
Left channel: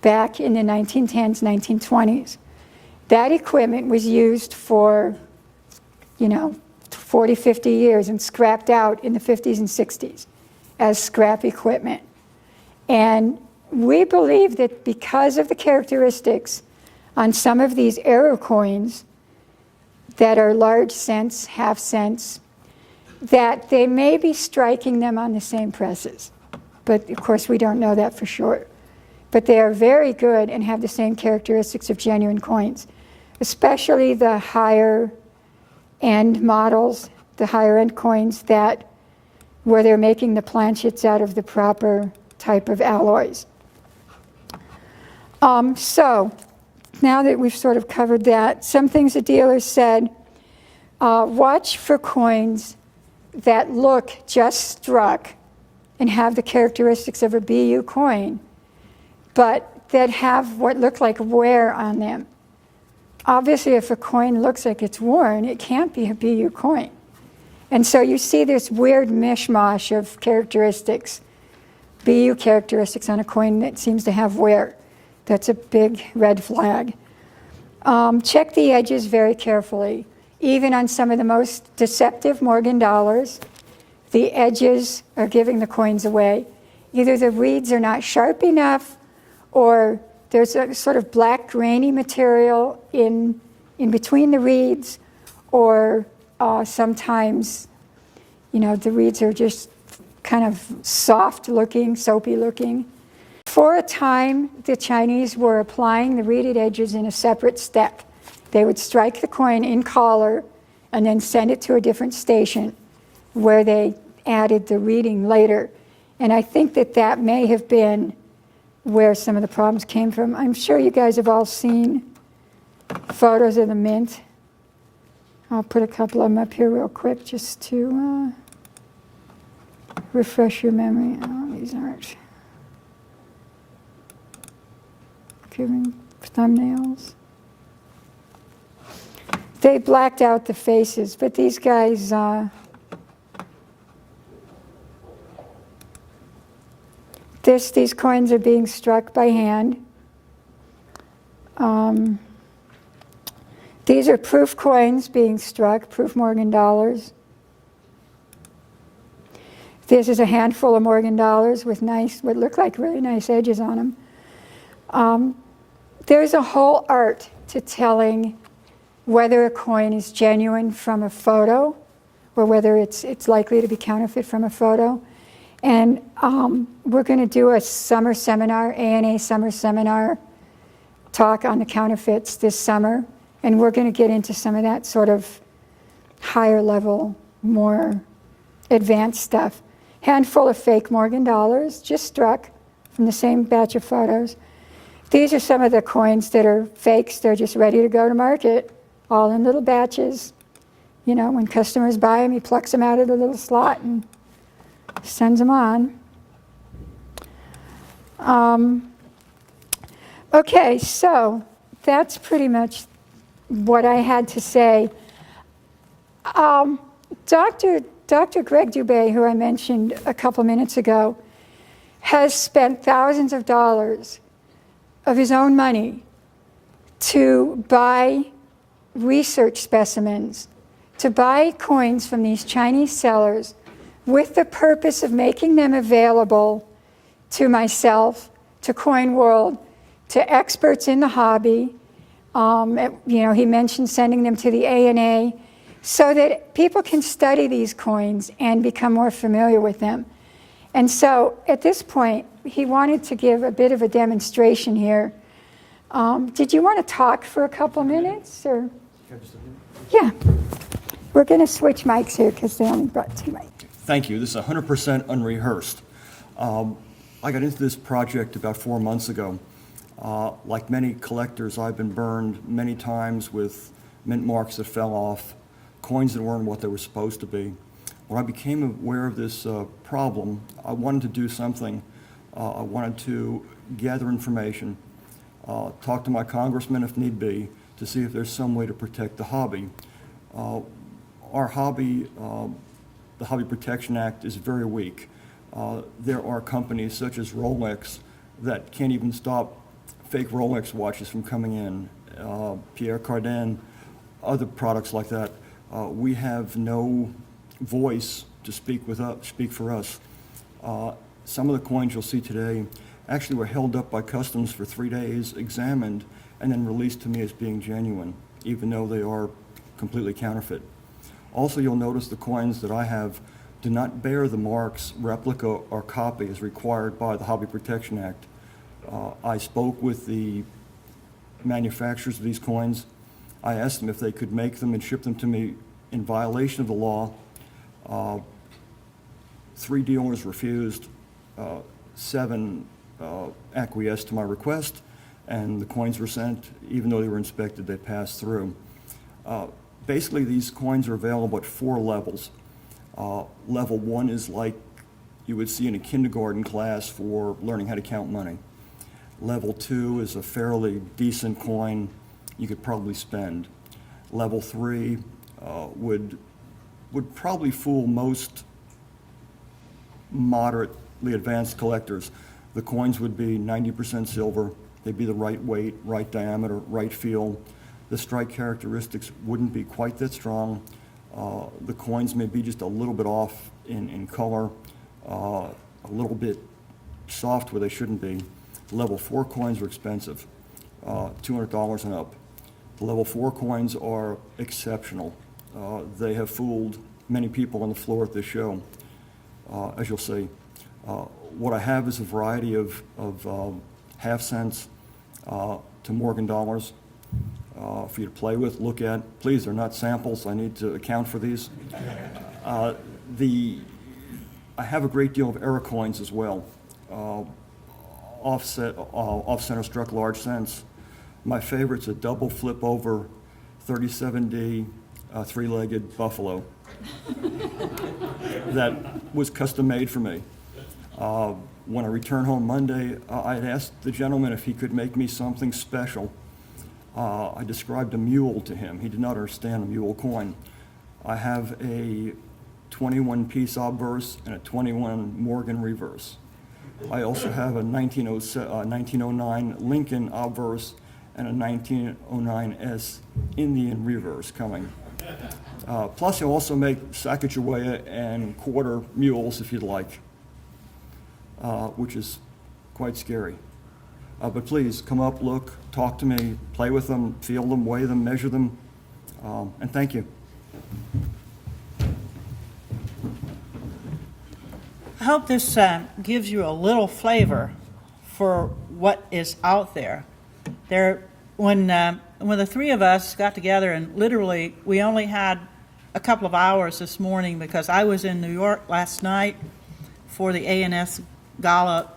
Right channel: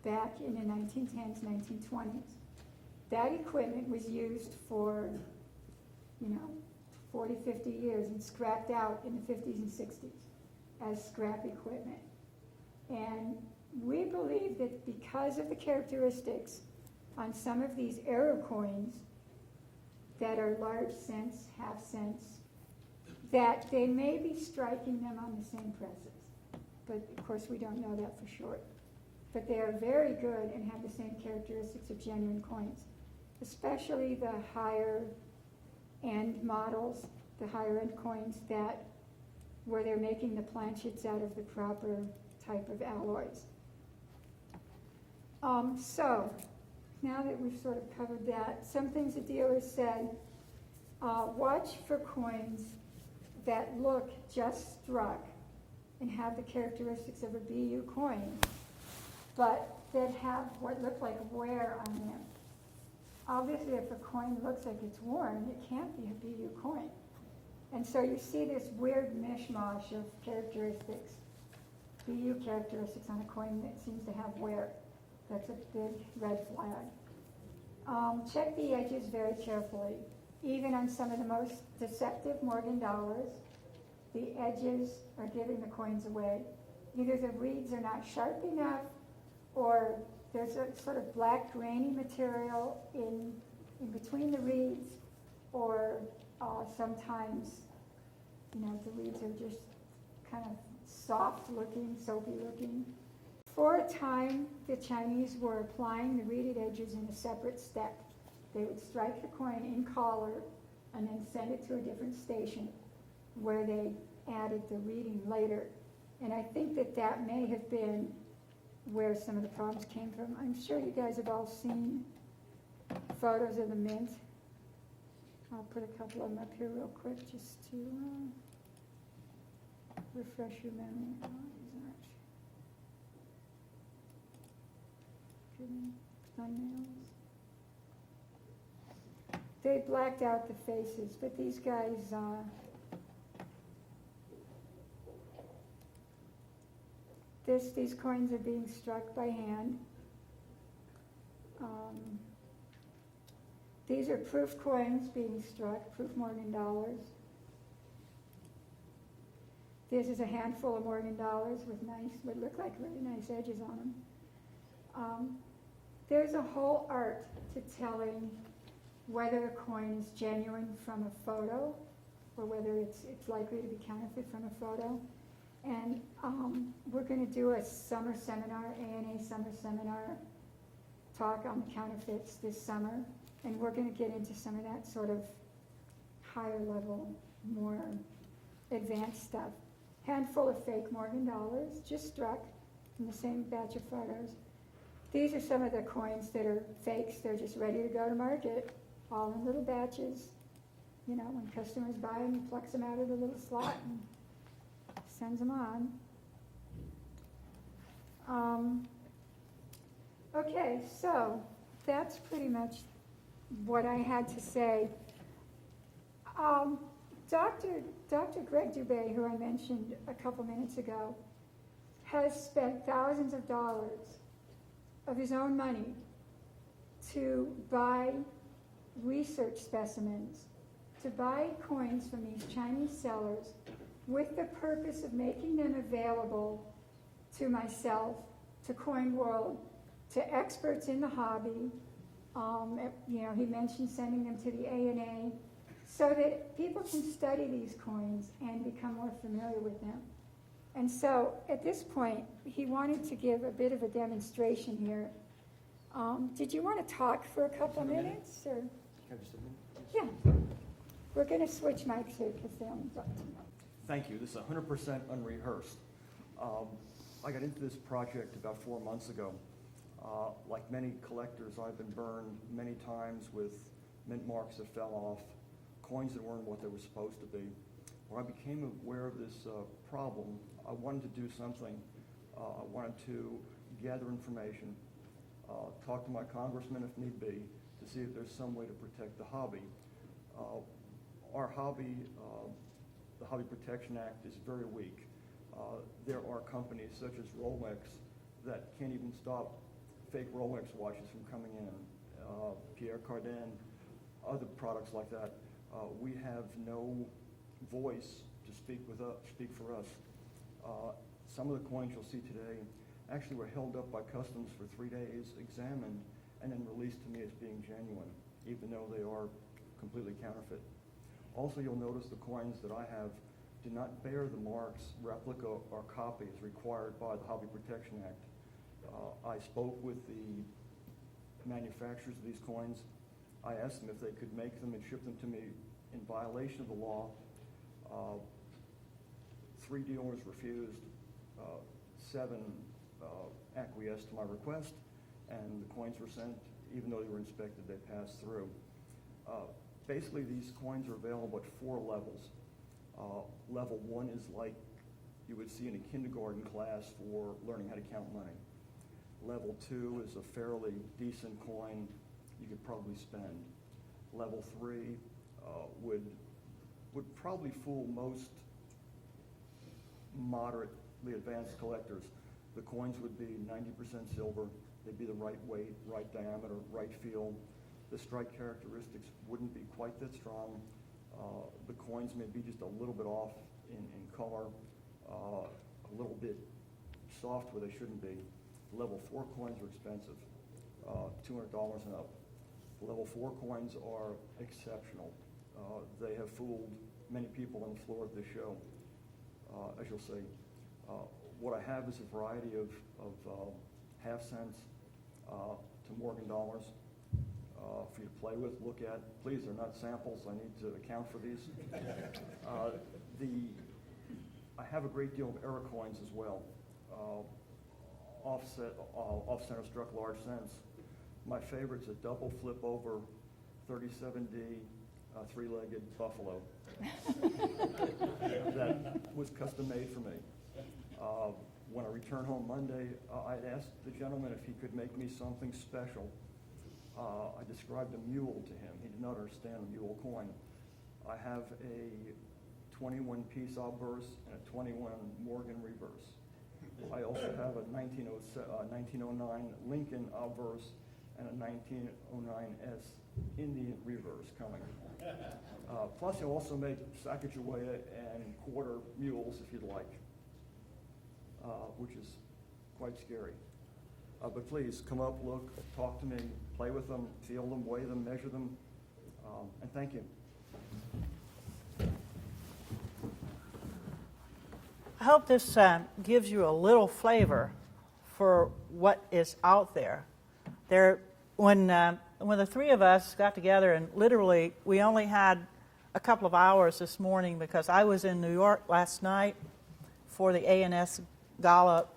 back in the 1910s, 1920s. That equipment was used for, 40, 50 years and scrapped out in the 50s and 60s as scrap equipment. And we believe that because of the characteristics on some of these error coins that are large cents, half cents, that they may be striking them on the same presses. But of course, we don't know that for sure. But they are very good and have the same characteristics of genuine coins, especially the higher end models, the higher end coins where they're making the planchets out of the proper type of alloys. So now that we've sort of covered that, some things the dealers said, watch for coins that look just struck and have the characteristics of a BU coin, but that have what look like wear on them. Obviously, if a coin looks like it's worn, it can't be a BU coin. And so you see this weird mishmash of characteristics, BU characteristics on a coin that seems to have wear. That's a big red flag. Check the edges very carefully. Even on some of the most deceptive Morgan dollars, the edges are giving the coins away. Either the reeds are not sharp enough, or there's a sort of black grainy material in between the reeds, or sometimes, the reeds are just kind of soft looking, soapy looking. For a time, the Chinese were applying the reeded edges in a separate step. They would strike the coin in collar and then send it to a different station where they added the reading later. And I think that that may have been where some of the problems came from. I'm sure you guys have all seen photos of the Mint. I'll put a couple of them up here real quick just to refresh your memory. Oh, these aren't giving thumbnails. They blacked out the faces, but these guys, these coins are being struck by hand. These are proof coins being struck, proof Morgan dollars. This is a handful of Morgan dollars with nice, what look like really nice edges on them. There's a whole art to telling whether a coin is genuine from a photo or whether it's likely to be counterfeit from a photo. And we're going to do a summer seminar, ANA summer seminar talk on the counterfeits this summer. And we're going to get into some of that sort of higher level, more advanced stuff. Handful of fake Morgan dollars, just struck from the same batch of photos. These are some of the coins that are fakes. They're just ready to go to market, all in little batches. You know, when customers buy them, he plucks them out of the little slot and sends them on. Okay, so that's pretty much what I had to say. Dr. Greg Dubay, who I mentioned a couple minutes ago, has spent thousands of dollars of his own money to buy research specimens, to buy coins from these Chinese sellers with the purpose of making them available to myself, to Coin World, to experts in the hobby. You know, he mentioned sending them to the ANA so that people can study these coins and become more familiar with them. And so at this point, he wanted to give a bit of a demonstration here. Did you want to talk for a couple minutes? Or? Yeah. We're going to switch mics here because they only brought 2 mics. Thank you. This is 100% unrehearsed. I got into this project about 4 months ago. Like many collectors, I've been burned many times with mint marks that fell off, coins that weren't what they were supposed to be. When I became aware of this problem, I wanted to do something. I wanted to gather information, talk to my congressman if need be, to see if there's some way to protect the hobby. Our hobby, the Hobby Protection Act, is very weak. There are companies such as Rolex that can't even stop fake Rolex watches from coming in, Pierre Cardin, other products like that. We have no voice to speak for us. Some of the coins you'll see today actually were held up by customs for 3 days, examined, and then released to me as being genuine, even though they are completely counterfeit. Also, you'll notice the coins that I have do not bear the marks, replica, or copy as required by the Hobby Protection Act. I spoke with the manufacturers of these coins. I asked them if they could make them and ship them to me in violation of the law. 3 dealers refused, 7 acquiesced to my request, and the coins were sent. Even though they were inspected, they passed through. Basically, these coins are available at 4 levels. Level 1 is like you would see in a kindergarten class for learning how to count money. Level 2 is a fairly decent coin you could probably spend. Level 3 would probably fool most moderately advanced collectors. The coins would be 90% silver. They'd be the right weight, right diameter, right feel. The strike characteristics wouldn't be quite that strong. The coins may be just a little bit off in color, a little bit soft where they shouldn't be. Level 4 coins are expensive, $200 and up. The level 4 coins are exceptional. They have fooled many people on the floor at this show, as you'll see. What I have is a variety of half cents to Morgan dollars. for you to play with, look at. Please, they're not samples. I need to account for these. I have a great deal of error coins as well. Off-center struck large cents. My favorite's a double flip over 37D three-legged buffalo that was custom made for me. When I returned home Monday, I had asked the gentleman if he could make me something special. I described a mule to him. He did not understand a mule coin. I have a 21-piece obverse and a 21 Morgan reverse. I also have a 1909 Lincoln obverse and a 1909 Indian reverse coming. Plus, you'll also make Sacagawea and quarter mules if you'd like, which is quite scary. But please, come up, look, talk to me, play with them, feel them, weigh them, measure them, and thank you. I hope this gives you a little flavor for what is out there. When the three of us got together, and literally we only had a couple of hours this morning because I was in New York last night for the A&S Gala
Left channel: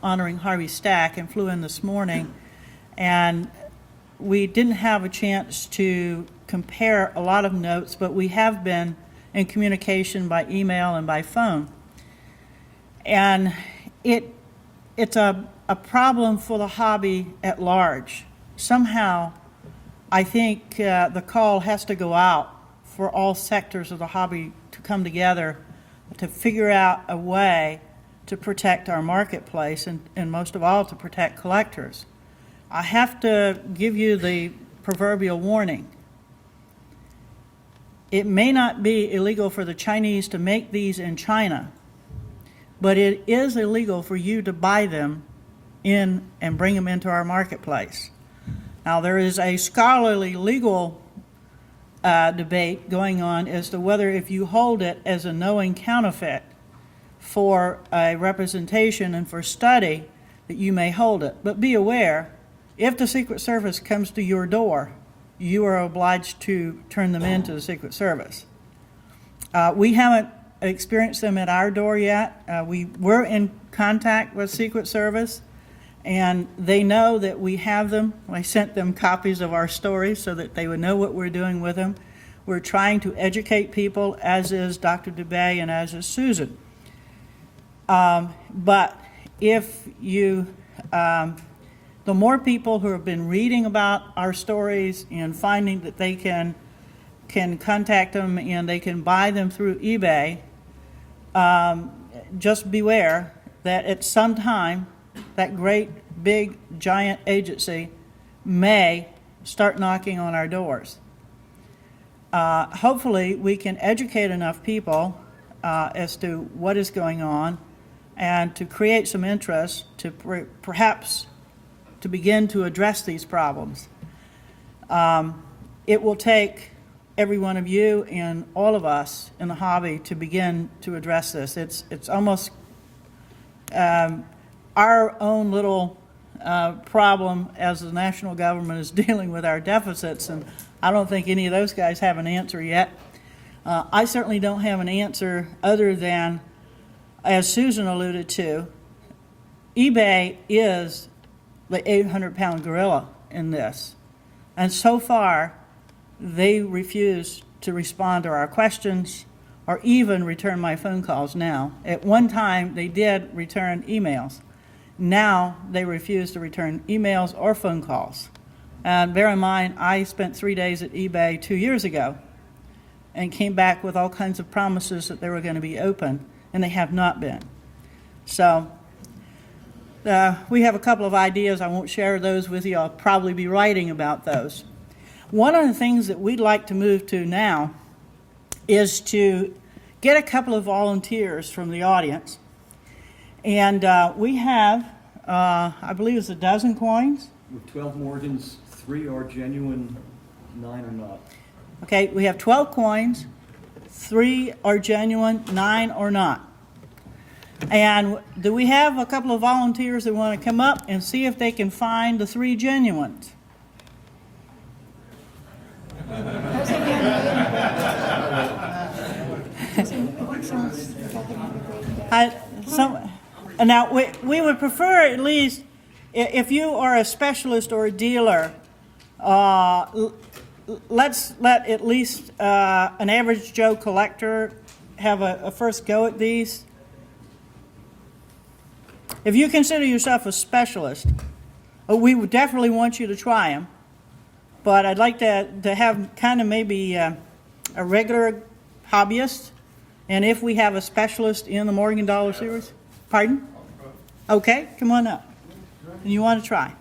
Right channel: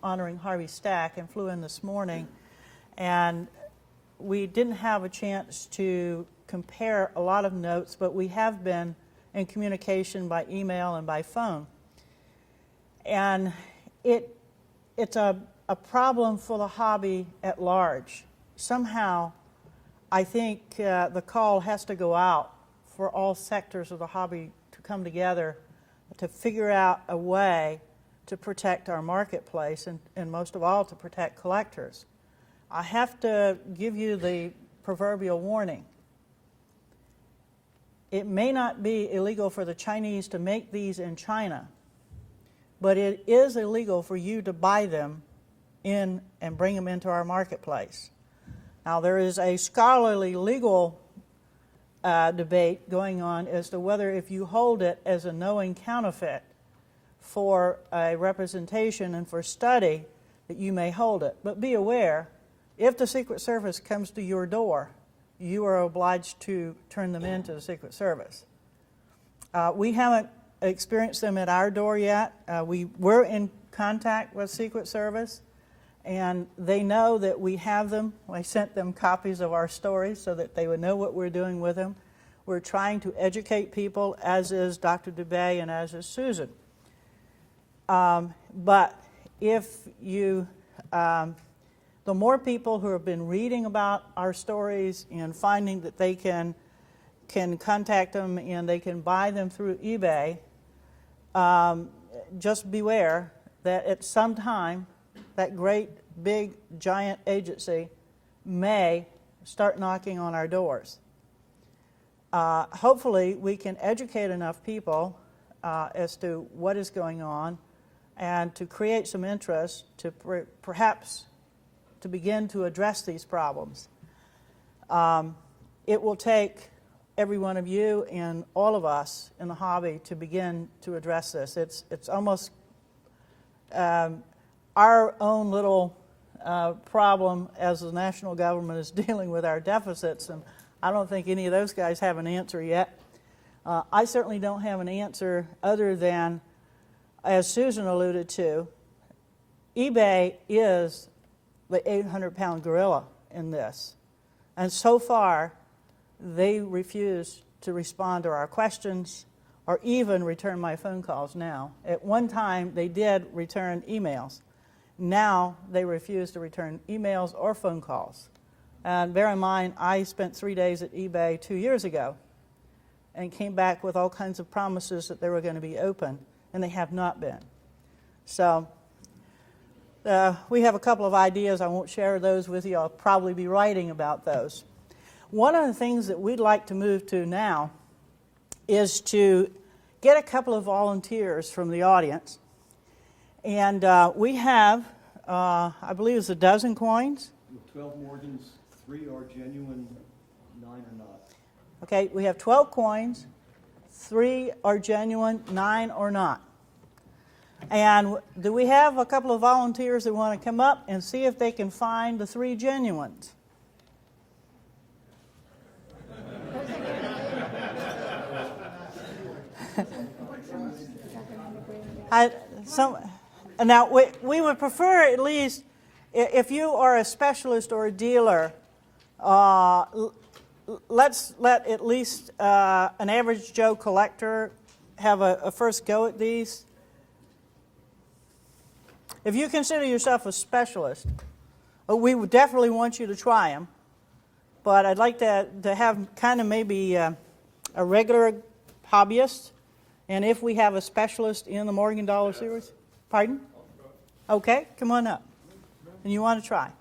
honoring Harvey Stack and flew in this morning, and we didn't have a chance to compare a lot of notes, but we have been in communication by email and by phone. And it's a problem for the hobby at large. Somehow, I think the call has to go out for all sectors of the hobby to come together to figure out a way to protect our marketplace and most of all to protect collectors. I have to give you the proverbial warning. It may not be illegal for the Chinese to make these in China, but it is illegal for you to buy them in and bring them into our marketplace. Now, there is a scholarly legal debate going on as to whether if you hold it as a knowing counterfeit for a representation and for study that you may hold it. But be aware, if the Secret Service comes to your door, you are obliged to turn them in to the Secret Service. We haven't experienced them at our door yet. We were in contact with Secret Service, and they know that we have them. I sent them copies of our stories so that they would know what we're doing with them. We're trying to educate people, as is Dr. Dubay and as is Susan. But if you, the more people who have been reading about our stories and finding that they can contact them and they can buy them through eBay, just beware that at some time that great big giant agency may start knocking on our doors. Hopefully we can educate enough people as to what is going on and to create some interest to perhaps to begin to address these problems. It will take every one of you and all of us in the hobby to begin to address this. It's almost our own little problem as the national government is dealing with our deficits, and I don't think any of those guys have an answer yet. I certainly don't have an answer other than, as Susan alluded to, eBay is the 800-pound gorilla in this. And so far, they refuse to respond to our questions or even return my phone calls now. At one time, they did return emails. Now, they refuse to return emails or phone calls. And bear in mind, I spent 3 days at eBay 2 years ago and came back with all kinds of promises that they were going to be open, and they have not been. So we have a couple of ideas. I won't share those with you. I'll probably be writing about those. One of the things that we'd like to move to now is to get a couple of volunteers from the audience. And we have, I believe it's a dozen coins. With 12 Morgans, 3 are genuine, 9 are not. Okay, we have 12 coins, 3 are genuine, 9 are not. And do we have a couple of volunteers that want to come up and see if they can find the 3 genuines? Now, we would prefer at least, if you are a specialist or a dealer, let's let at least an average Joe collector have a first go at these. If you consider yourself a specialist, we would definitely want you to try them. But I'd like to have kind of maybe a regular hobbyist, and if we have a specialist in the Morgan Dollar series. Pardon? Okay, come on up. You want to try?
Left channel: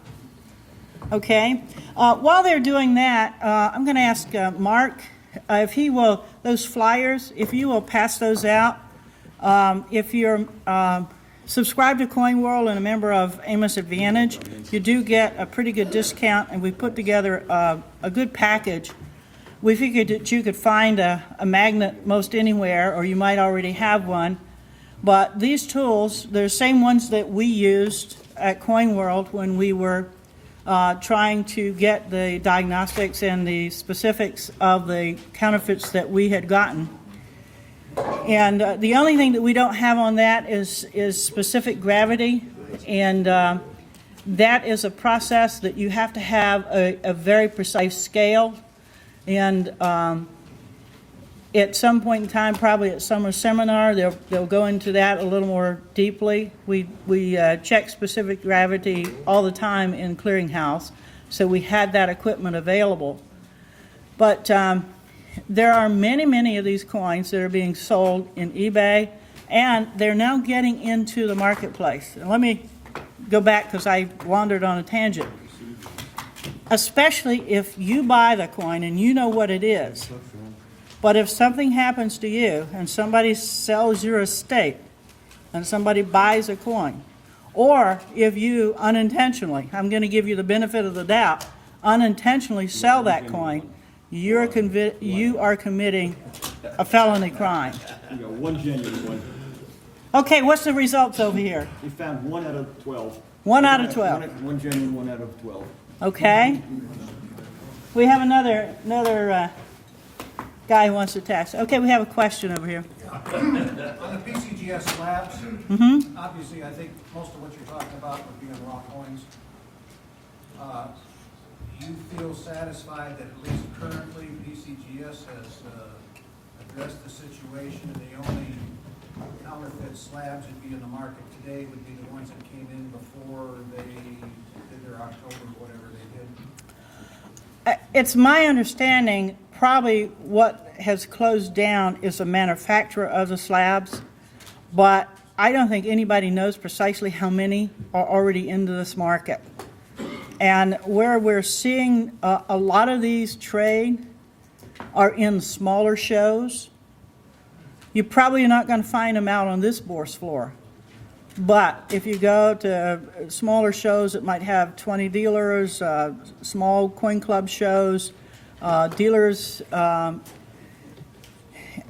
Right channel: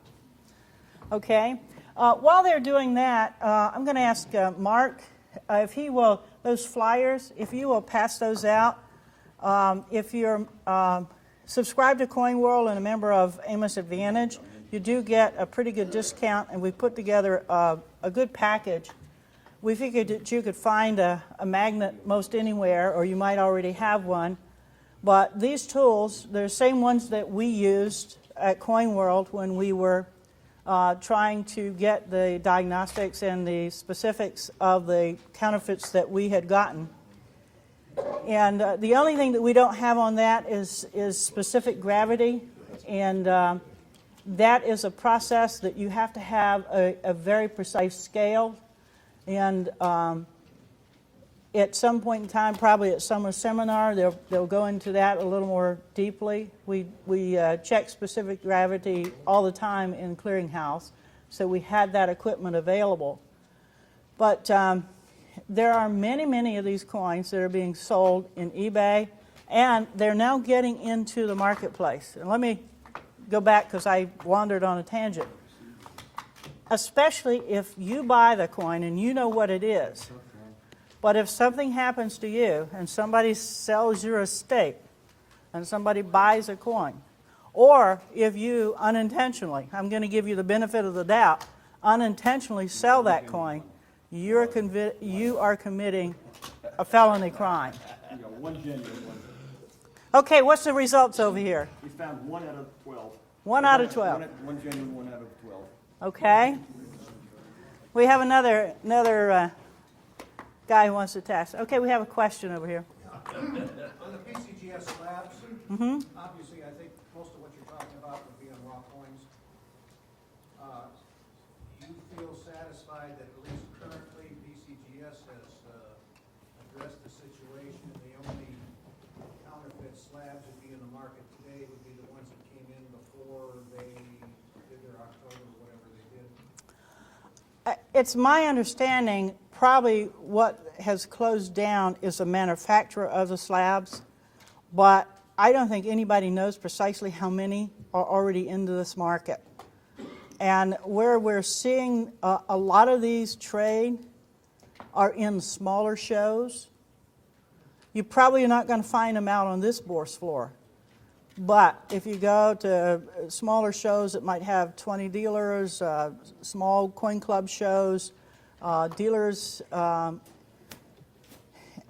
Okay. While they're doing that, I'm going to ask Mark if he will, those flyers, if you will pass those out. If you're subscribed to Coin World and a member of Amos Advantage, you do get a pretty good discount, and we put together a good package. We figured that you could find a magnet most anywhere, or you might already have one. But these tools, they're the same ones that we used at Coin World when we were trying to get the diagnostics and the specifics of the counterfeits that we had gotten. And the only thing that we don't have on that is specific gravity, and that is a process that you have to have a very precise scale. And at some point in time, probably at summer seminar, they'll go into that a little more deeply. We check specific gravity all the time in clearinghouse, so we had that equipment available. But there are many, many of these coins that are being sold in eBay, and they're now getting into the marketplace. And let me go back because I wandered on a tangent. Especially if you buy the coin and you know what it is. But if something happens to you and somebody sells your estate and somebody buys a coin, or if you unintentionally, I'm going to give you the benefit of the doubt, unintentionally sell that coin, you are committing a felony crime. You got one genuine one. Okay, what's the results over here? We found 1 out of 12. 1 out of 12. One genuine, 1 out of 12. Okay. We have another guy who wants to tax. Okay, we have a question over here. On the PCGS slabs, obviously, I think most of what you're talking about would be on raw coins. Do you feel satisfied that at least currently PCGS has addressed the situation? The only counterfeit slabs that would be in the market today would be the ones that came in before they did their October, whatever they did? It's my understanding probably what has closed down is the manufacturer of the slabs, but I don't think anybody knows precisely how many are already into this market. And where we're seeing a lot of these trade are in smaller shows. You're probably not going to find them out on this bourse floor. But if you go to smaller shows that might have 20 dealers, small coin club shows, dealers,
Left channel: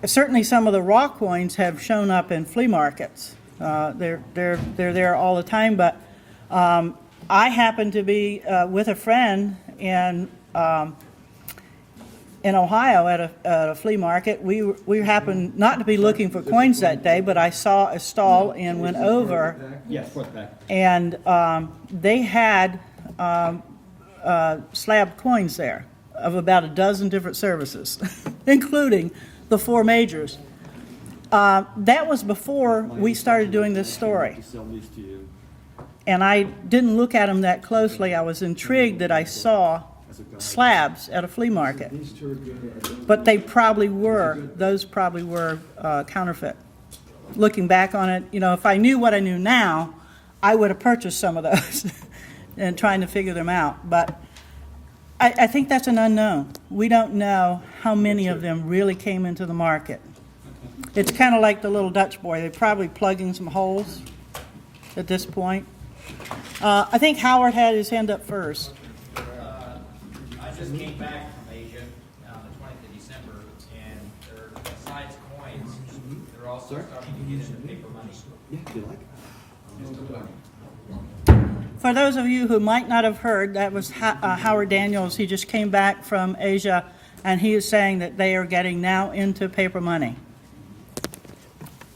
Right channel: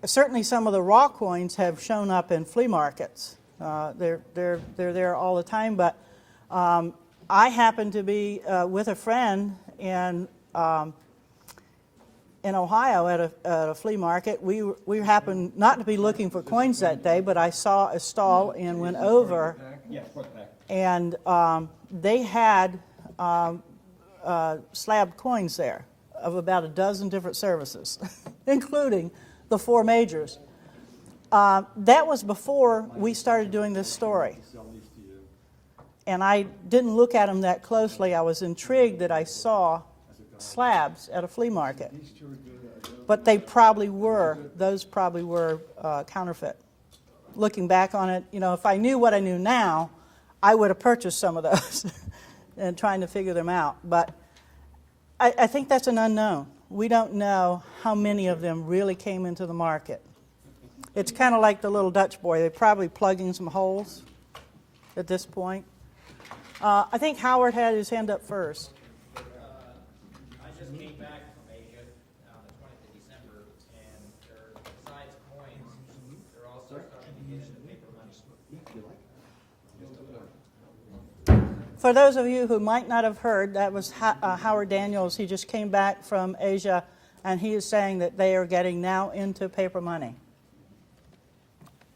certainly some of the raw coins have shown up in flea markets. They're there all the time, but I happen to be with a friend in Ohio at a flea market. We happened not to be looking for coins that day, but I saw a stall and went over. Yes, front back. And they had slab coins there of about a dozen different services, including the 4 majors. That was before we started doing this story. Sell these to you. And I didn't look at them that closely. I was intrigued that I saw slabs at a flea market. But they probably were, those probably were counterfeit. Looking back on it, you know, if I knew what I knew now, I would have purchased some of those and trying to figure them out. But I think that's an unknown. We don't know how many of them really came into the market. It's kind of like the little Dutch boy. They're probably plugging some holes at this point. I think Howard had his hand up first. I just came back from Asia on the 20th of December, and besides coins, they're also starting to get into paper money. Yeah, do you like For those of you who might not have heard, that was Howard Daniels. He just came back from Asia, and he is saying that they are getting now into paper money.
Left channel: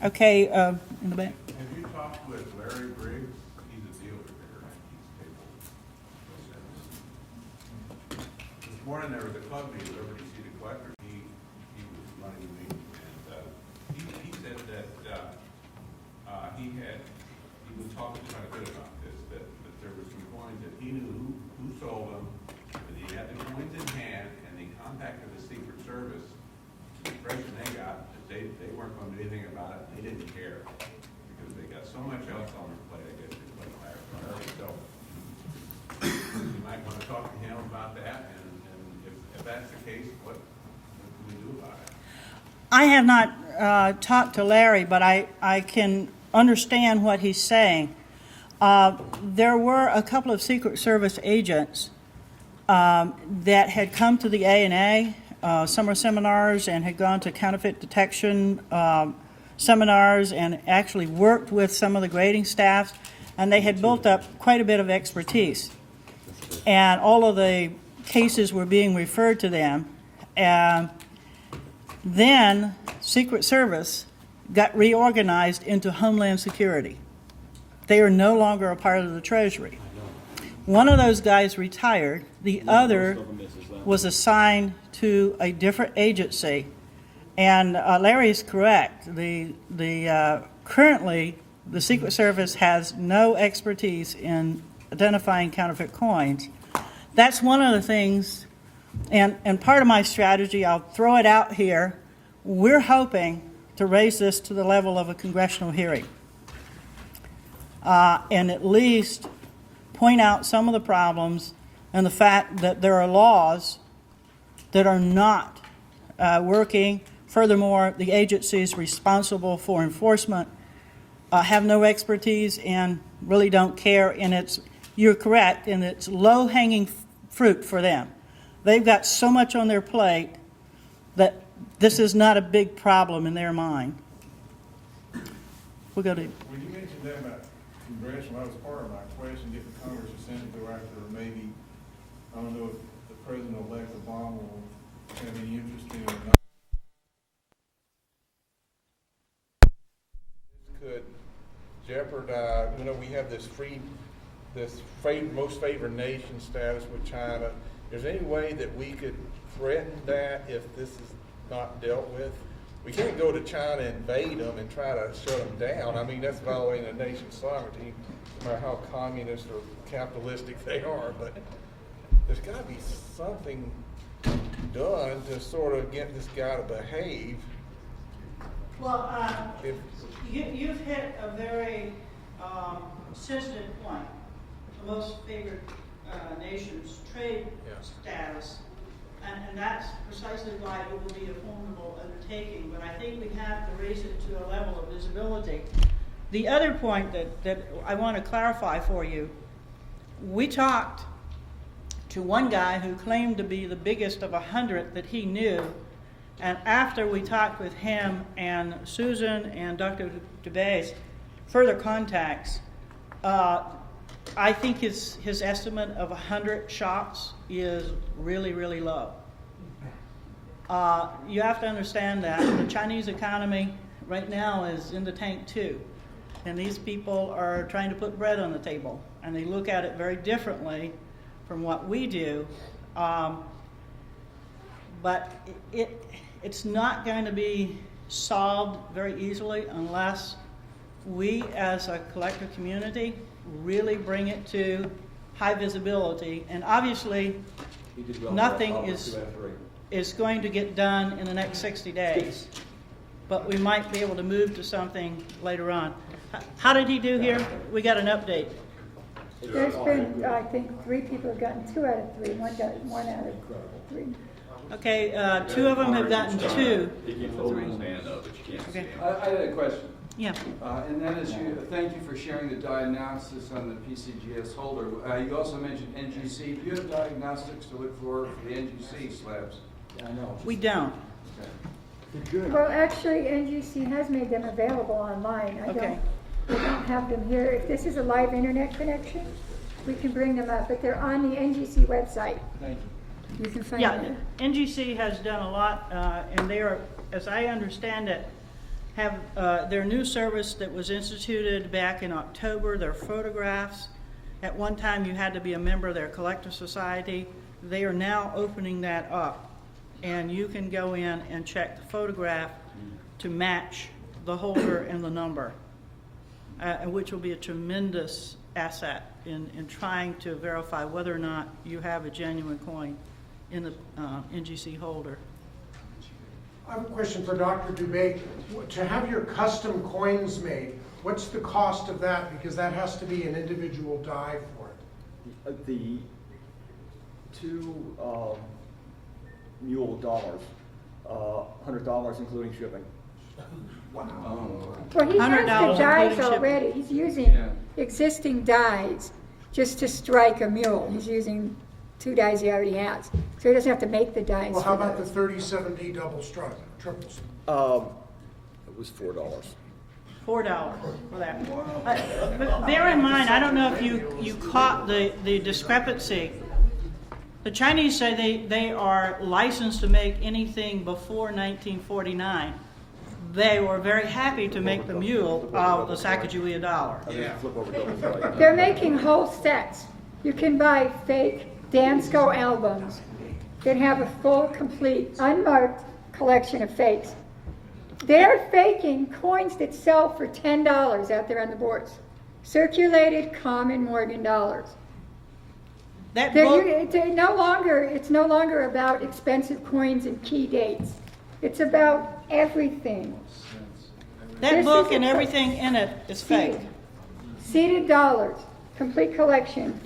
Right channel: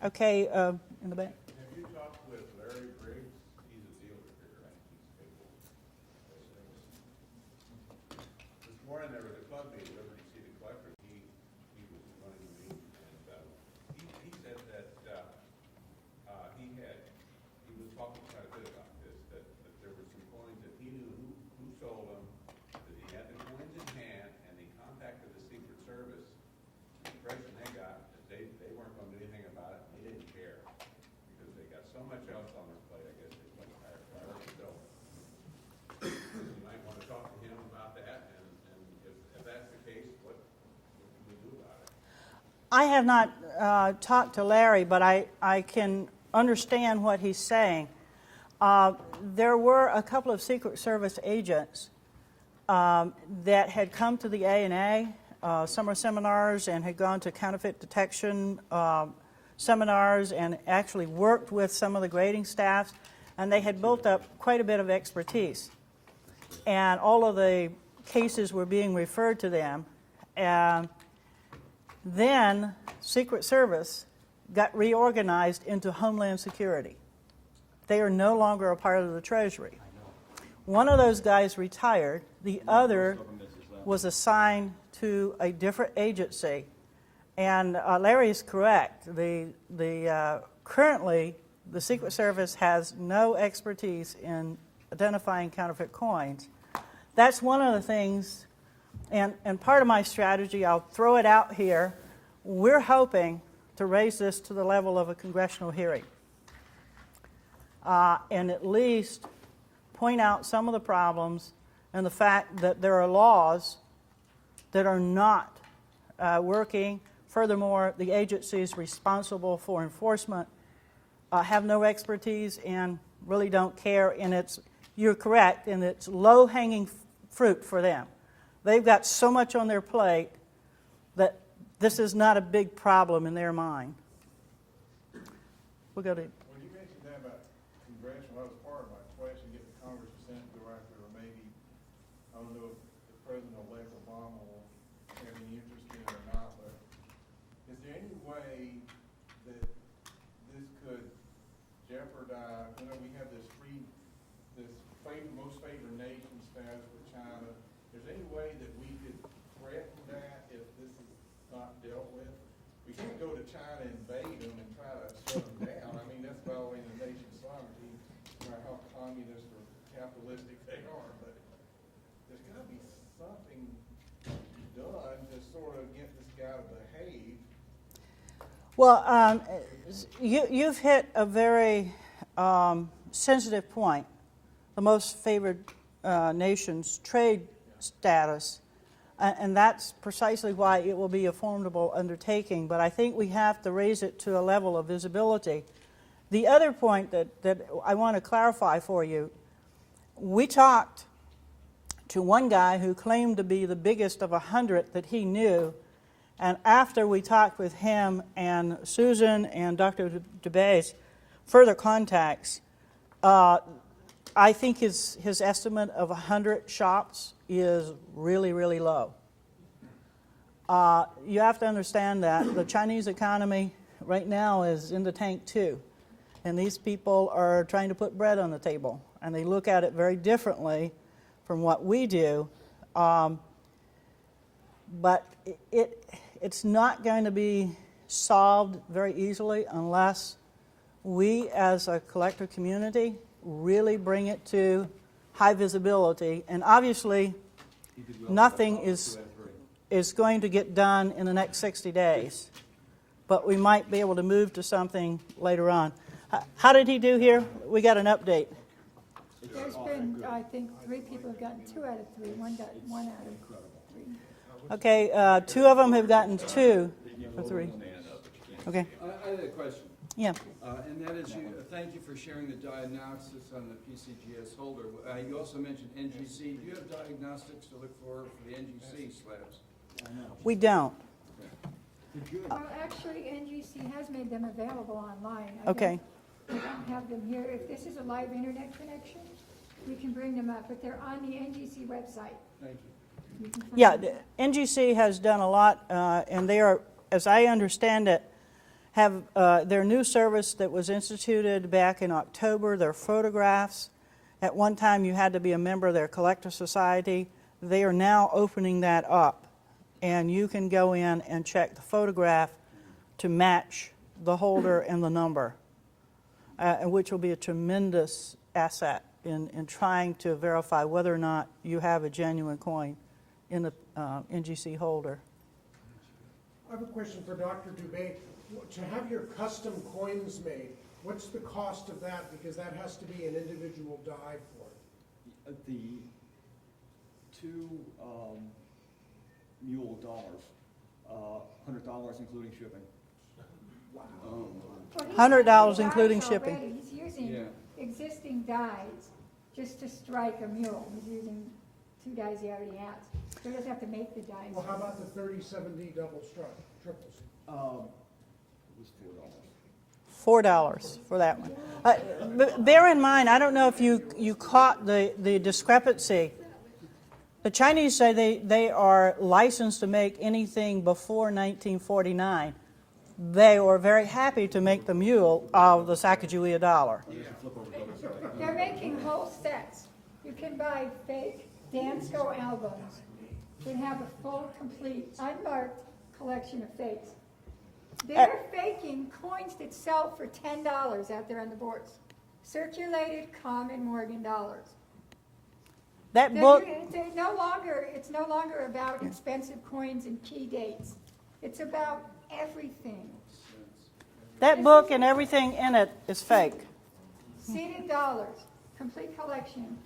Okay, in the back. Have you talked with Larry Briggs? He's a dealer there, and he's capable. This morning there was a club meeting, Liberty City Collector, he was running the meeting, and he said that he was talking quite a bit about this, that there were some coins that he knew who sold them, that he had the coins in hand, and they contacted the Secret Service. The impression they got, that they weren't going to do anything about it, they didn't care, because they got so much else on their plate, I guess, they put higher priority. So you might want to talk to him about that, and if that's the case, what can we do about it? I have not talked to Larry, but I can understand what he's saying. There were a couple of Secret Service agents that had come to the A&A summer seminars and had gone to counterfeit detection seminars and actually worked with some of the grading staffs, and they had built up quite a bit of expertise. And all of the cases were being referred to them. And then Secret Service got reorganized into Homeland Security. They are no longer a part of the Treasury. One of those guys retired. The other was assigned to a different agency. And Larry is correct. Currently, the Secret Service has no expertise in identifying counterfeit coins. That's one of the things, and part of my strategy, I'll throw it out here, we're hoping to raise this to the level of a congressional hearing. And at least point out some of the problems and the fact that there are laws that are not working. Furthermore, the agencies responsible for enforcement have no expertise and really don't care, and you're correct, and it's low-hanging fruit for them. They've got so much on their plate that this is not a big problem in their mind. We'll go to... When you mentioned that about congressional, that was part of my question, if the Congress or Senate go after, maybe, I don't know if the President-elect Obama will have any interest in it or not, but is there any way that this could jeopardize, we have this most favored nation status with China. Is there any way that we could threaten that if this is not dealt with? We can't go to China and invade them and try to shut them down. I mean, that's violating a nation's sovereignty, no matter how communist or capitalistic they are. But there's got to be something done to sort of get this guy to behave. Well, you've hit a very sensitive point. The most favored nation's trade status. And that's precisely why it will be a formidable undertaking. But I think we have to raise it to a level of visibility. The other point that I want to clarify for you, we talked to one guy who claimed to be the biggest of 100 that he knew. And after we talked with him and Susan and Dr. Dubay's further contacts, I think his estimate of 100 shops is really, really low. You have to understand that the Chinese economy right now is in the tank too. And these people are trying to put bread on the table. And they look at it very differently from what we do. But it's not going to be solved very easily unless we as a collector community really bring it to high visibility. And obviously, nothing is going to get done in the next 60 days. But we might be able to move to something later on. How did he do here? We got an update. There's been, I think, 3 people have gotten 2 out of 3. One got 1 out of 3. Okay, 2 of them have gotten 2 for 3. Okay. I had a question. Yeah. And that is, thank you for sharing the diagnostics on the PCGS holder. You also mentioned NGC. Do you have diagnostics to look for the NGC slabs? I know. We don't. Good. Well, actually, NGC has made them available online. I don't have them here. If this is a live internet connection, we can bring them up, but they're on the NGC website. Thank you. You can find Yeah, them. NGC has done a lot, and they are, as I understand it, have their new service that was instituted back in October, their photographs. At one time, you had to be a member of their collector society. They are now opening that up, and you can go in and check the photograph to match the holder and the number, which will be a tremendous asset in trying to verify whether or not you have a genuine coin in the NGC holder. I have a question for Dr. Dubay. To have your custom coins made, what's the cost of that? Because that has to be an individual die for it. The two mule dollars, $100 including shipping. Well, he has $100 the dies including shipping. already. He's using Yeah. existing dies just to strike a mule. He's using 2 dies he already has. So he doesn't have to make the dies. Well, how for about the those. 37D double strike, triples? It was $4. $4 for that. But bear in mind, I don't know if you caught the discrepancy. The Chinese say they are licensed to make anything before 1949. They were very happy to make the mule out of the Sacagawea dollar. They're making whole sets. You can buy fake Dansko albums that have a full, complete, unmarked collection of fakes. They're faking coins that sell for $10 out there on the boards. Circulated common Morgan dollars. That book, It's no longer about expensive coins and key dates. It's about everything. that This book is and a- everything in it is fake. Seeded dollars, complete collection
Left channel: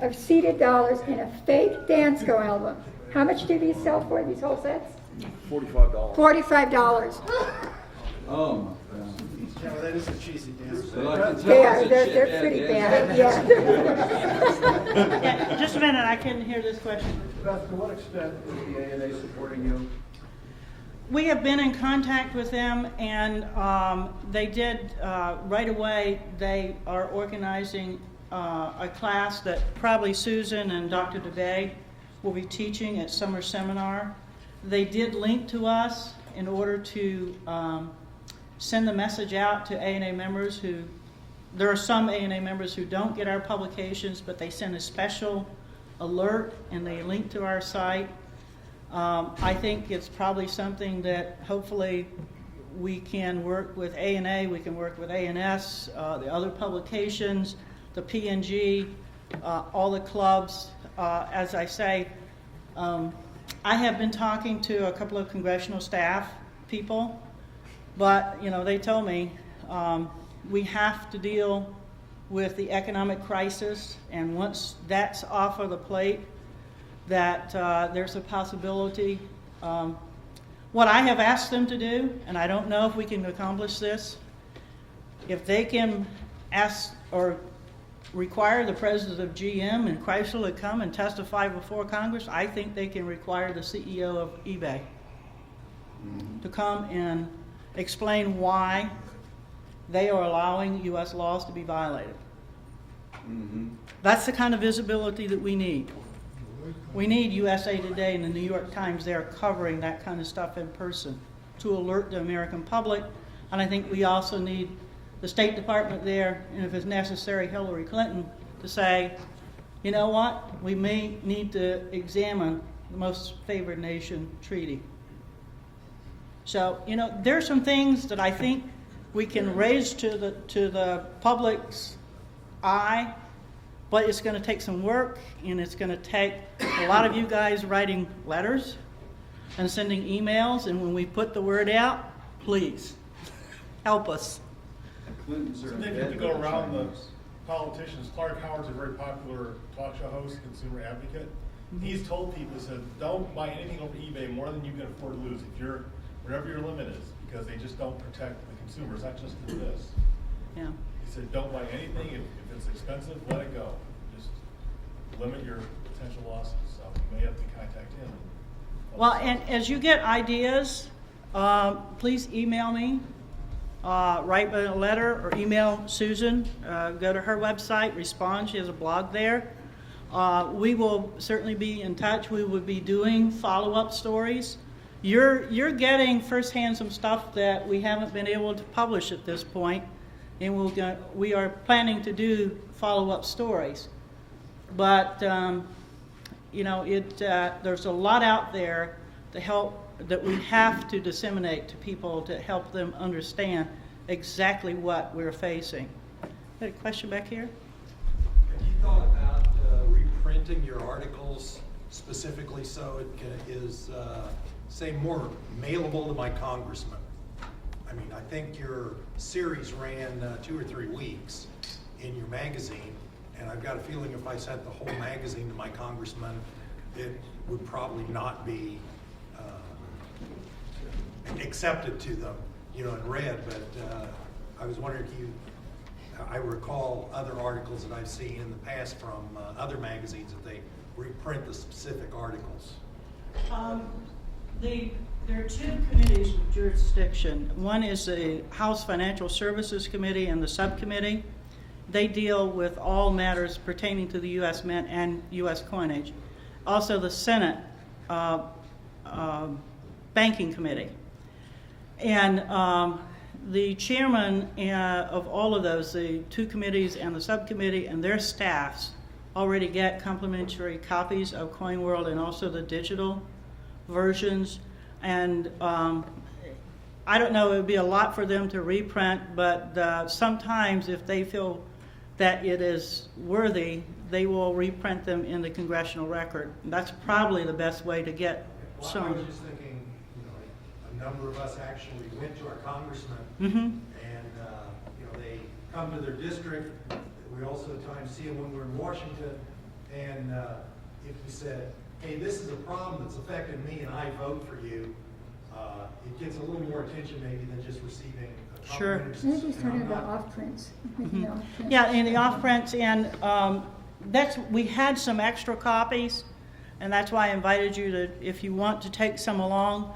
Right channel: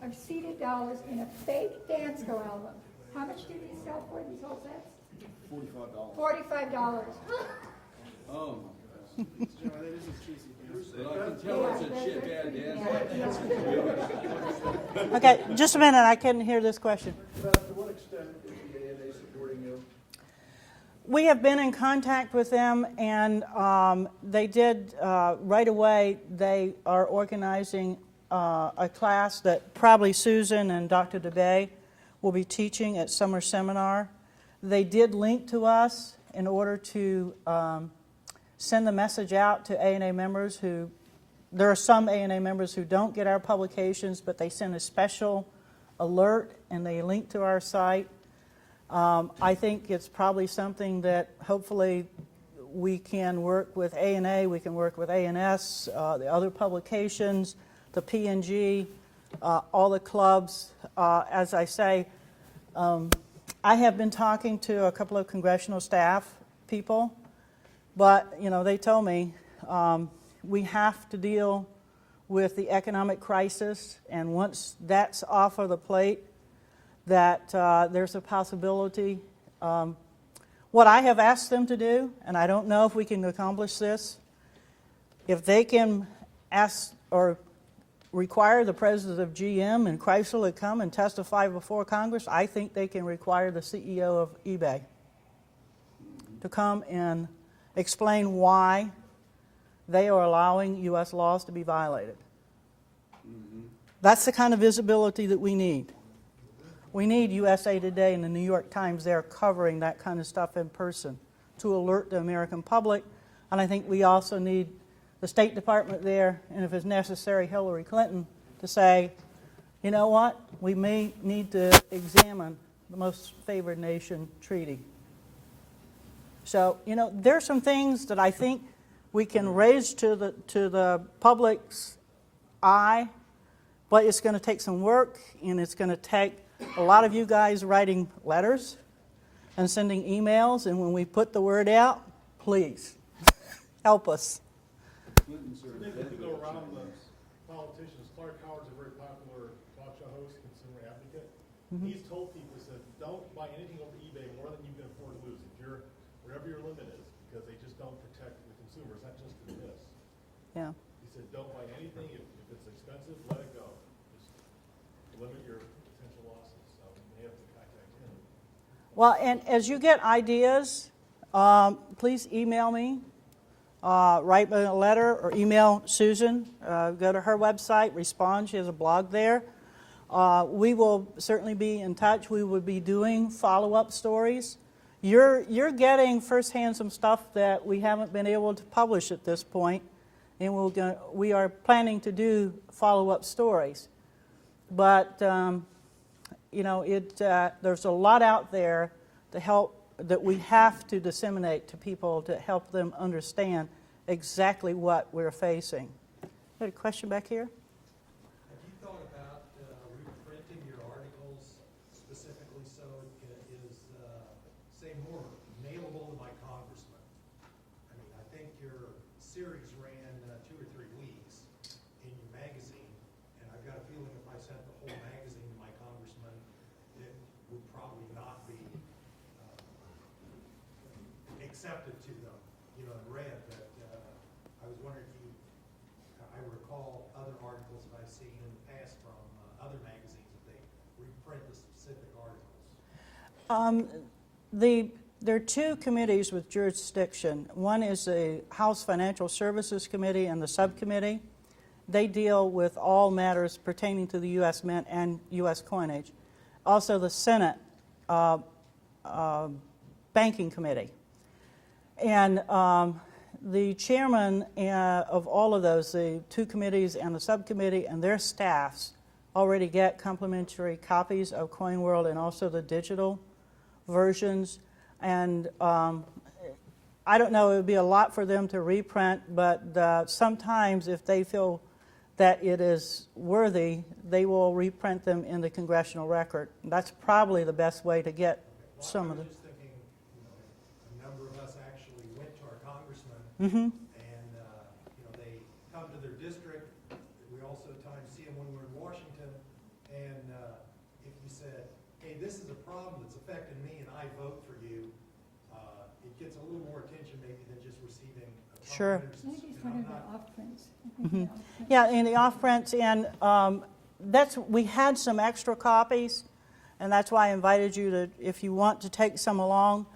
of seeded dollars in a fake Dansko album. How much do these sell for, these whole sets? $45. $45. Oh, my God. Yeah, well, that is a cheesy dance. Well, I can tell They are, it's a they're chip pretty dance. bad, yeah. Okay, just a minute, I couldn't hear this question. Beth, to what extent is the ANA supporting you? We have been in contact with them, and they did, right away, they are organizing a class that probably Susan and Dr. Dubay will be teaching at summer seminar. They did link to us in order to send the message out to ANA members who, there are some ANA members who don't get our publications, but they send a special alert and they link to our site. I think it's probably something that hopefully we can work with ANA, we can work with ANS, the other publications, the PNG, all the clubs. As I say, I have been talking to a couple of congressional staff people, but they told me we have to deal with the economic crisis, and once that's off of the plate, that there's a possibility. What I have asked them to do, and I don't know if we can accomplish this, if they can ask or require the president of GM and Chrysler to come and testify before Congress, I think they can require the CEO of eBay to come and explain why they are allowing U.S. laws to be violated. That's the kind of visibility that we need. We need USA Today and the New York Times there covering that kind of stuff in person to alert the American public. And I think we also need the State Department there, and if it's necessary, Hillary Clinton, to say, you know what, we may need to examine the most favored nation treaty. So, there are some things that I think we can raise to the public's eye, but it's going to take some work, and it's going to take a lot of you guys writing letters and sending emails, and when we put the word out, please help us. Nick, if you go around the politicians, Clark Howard's a very popular talk show host, consumer advocate. He's told people, said, don't buy anything over eBay more than you can afford to lose. Whatever your limit is, because they just don't protect the consumers, not just for this. Yeah. He said, don't buy anything, if it's expensive, let it go. Just limit your potential losses, so you may have to contact him. Well, and as you get ideas, please email me, write me a letter, or email Susan. Go to her website, respond. She has a blog there. We will certainly be in touch. We will be doing follow-up stories. You're getting firsthand some stuff that we haven't been able to publish at this point, and we are planning to do follow-up stories. But you know, there's a lot out there to help that we have to disseminate to people to help them understand exactly what we're facing. Got a question back here? Have you thought about reprinting your articles specifically so it is, say, more mailable to my congressman? I mean, I think your series ran 2 or 3 weeks in your magazine, and I've got a feeling if I sent the whole magazine to my congressman, it would probably not be accepted to them, you know, and read. But I was wondering if I recall other articles that I've seen in the past from other magazines that they reprint the specific articles. There are 2 committees with jurisdiction. One is the House Financial Services Committee and the subcommittee. They deal with all matters pertaining to the U.S. Mint and U.S. coinage. Also the Senate Banking Committee. And the chairman of all of those, the 2 committees and the subcommittee and their staffs already get complimentary copies of Coin World and also the digital versions. And I don't know, it would be a lot for them to reprint, but sometimes if they feel that it is worthy, they will reprint them in the Congressional Record. And that's probably the best way to get some. I was just thinking, you know, a number of us actually went to our congressman, Mm-hmm. and you know, they come to their district. We also at times see them when we're in Washington, and if you said, hey, this is a problem that's affecting me and I vote for you, it gets a little more attention maybe than just receiving a Sure. Maybe he's talking about off prints. Yeah, in the off prints, and we had some extra copies, and that's why I invited you to, if you want to take some along.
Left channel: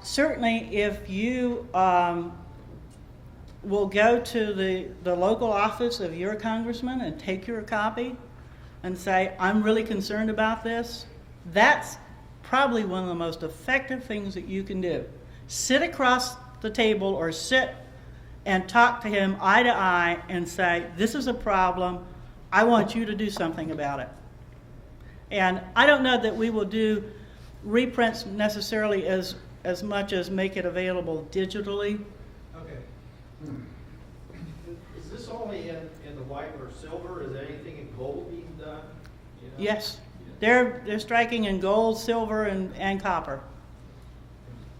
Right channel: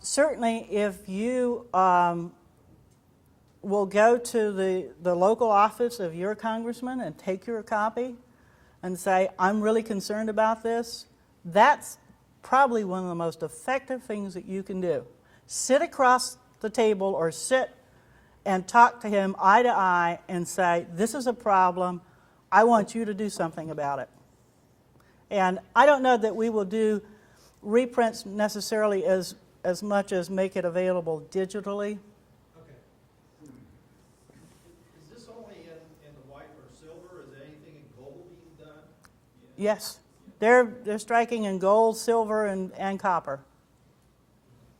Certainly, if you will go to the local office of your congressman and take your copy and say, I'm really concerned about this, that's probably one of the most effective things that you can do. Sit across the table or sit and talk to him eye to eye and say, this is a problem, I want you to do something about it. And I don't know that we will do reprints necessarily as much as make it available digitally. Okay. Is this only in the white or silver? Is there anything in gold being done? You know? Yes, they're striking in gold, silver, and copper.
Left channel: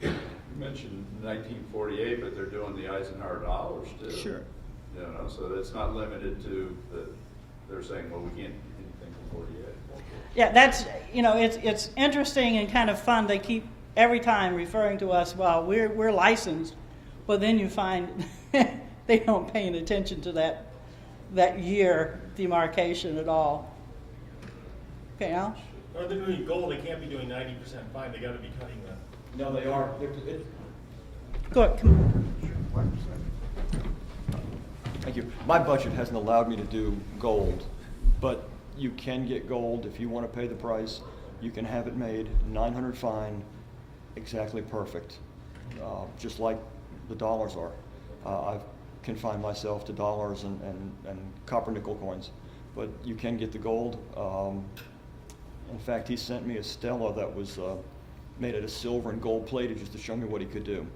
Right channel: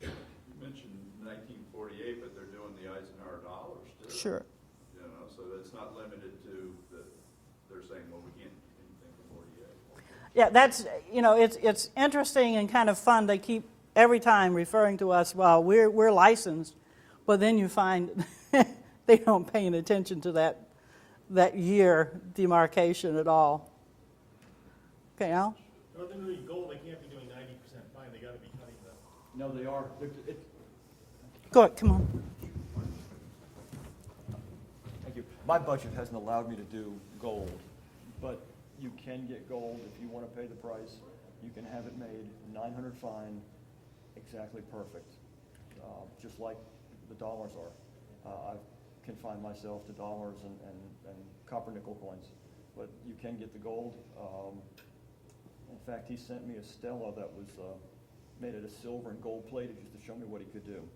You mentioned 1948, but they're doing the Eisenhower dollars too. Sure. You know, so that's not limited to they're saying, well, we can't do anything from 48. Yeah, that's, you know, it's interesting and kind of fun. They keep every time referring to us, well, we're licensed, but then you find they don't pay any attention to that year demarcation at all. Okay, Al? No, they're doing gold, they can't be doing 90% fine, they gotta be cutting the. No, they are. Go ahead, come on. Thank you. My budget hasn't allowed me to do gold, but you can get gold if you want to pay the price. You can have it made 900 fine, exactly perfect, just like the dollars are. I've confined myself to dollars and copper nickel coins, but you can get the gold. In fact, he sent me a Stella that was made out of silver and gold plated just to show me what he could do.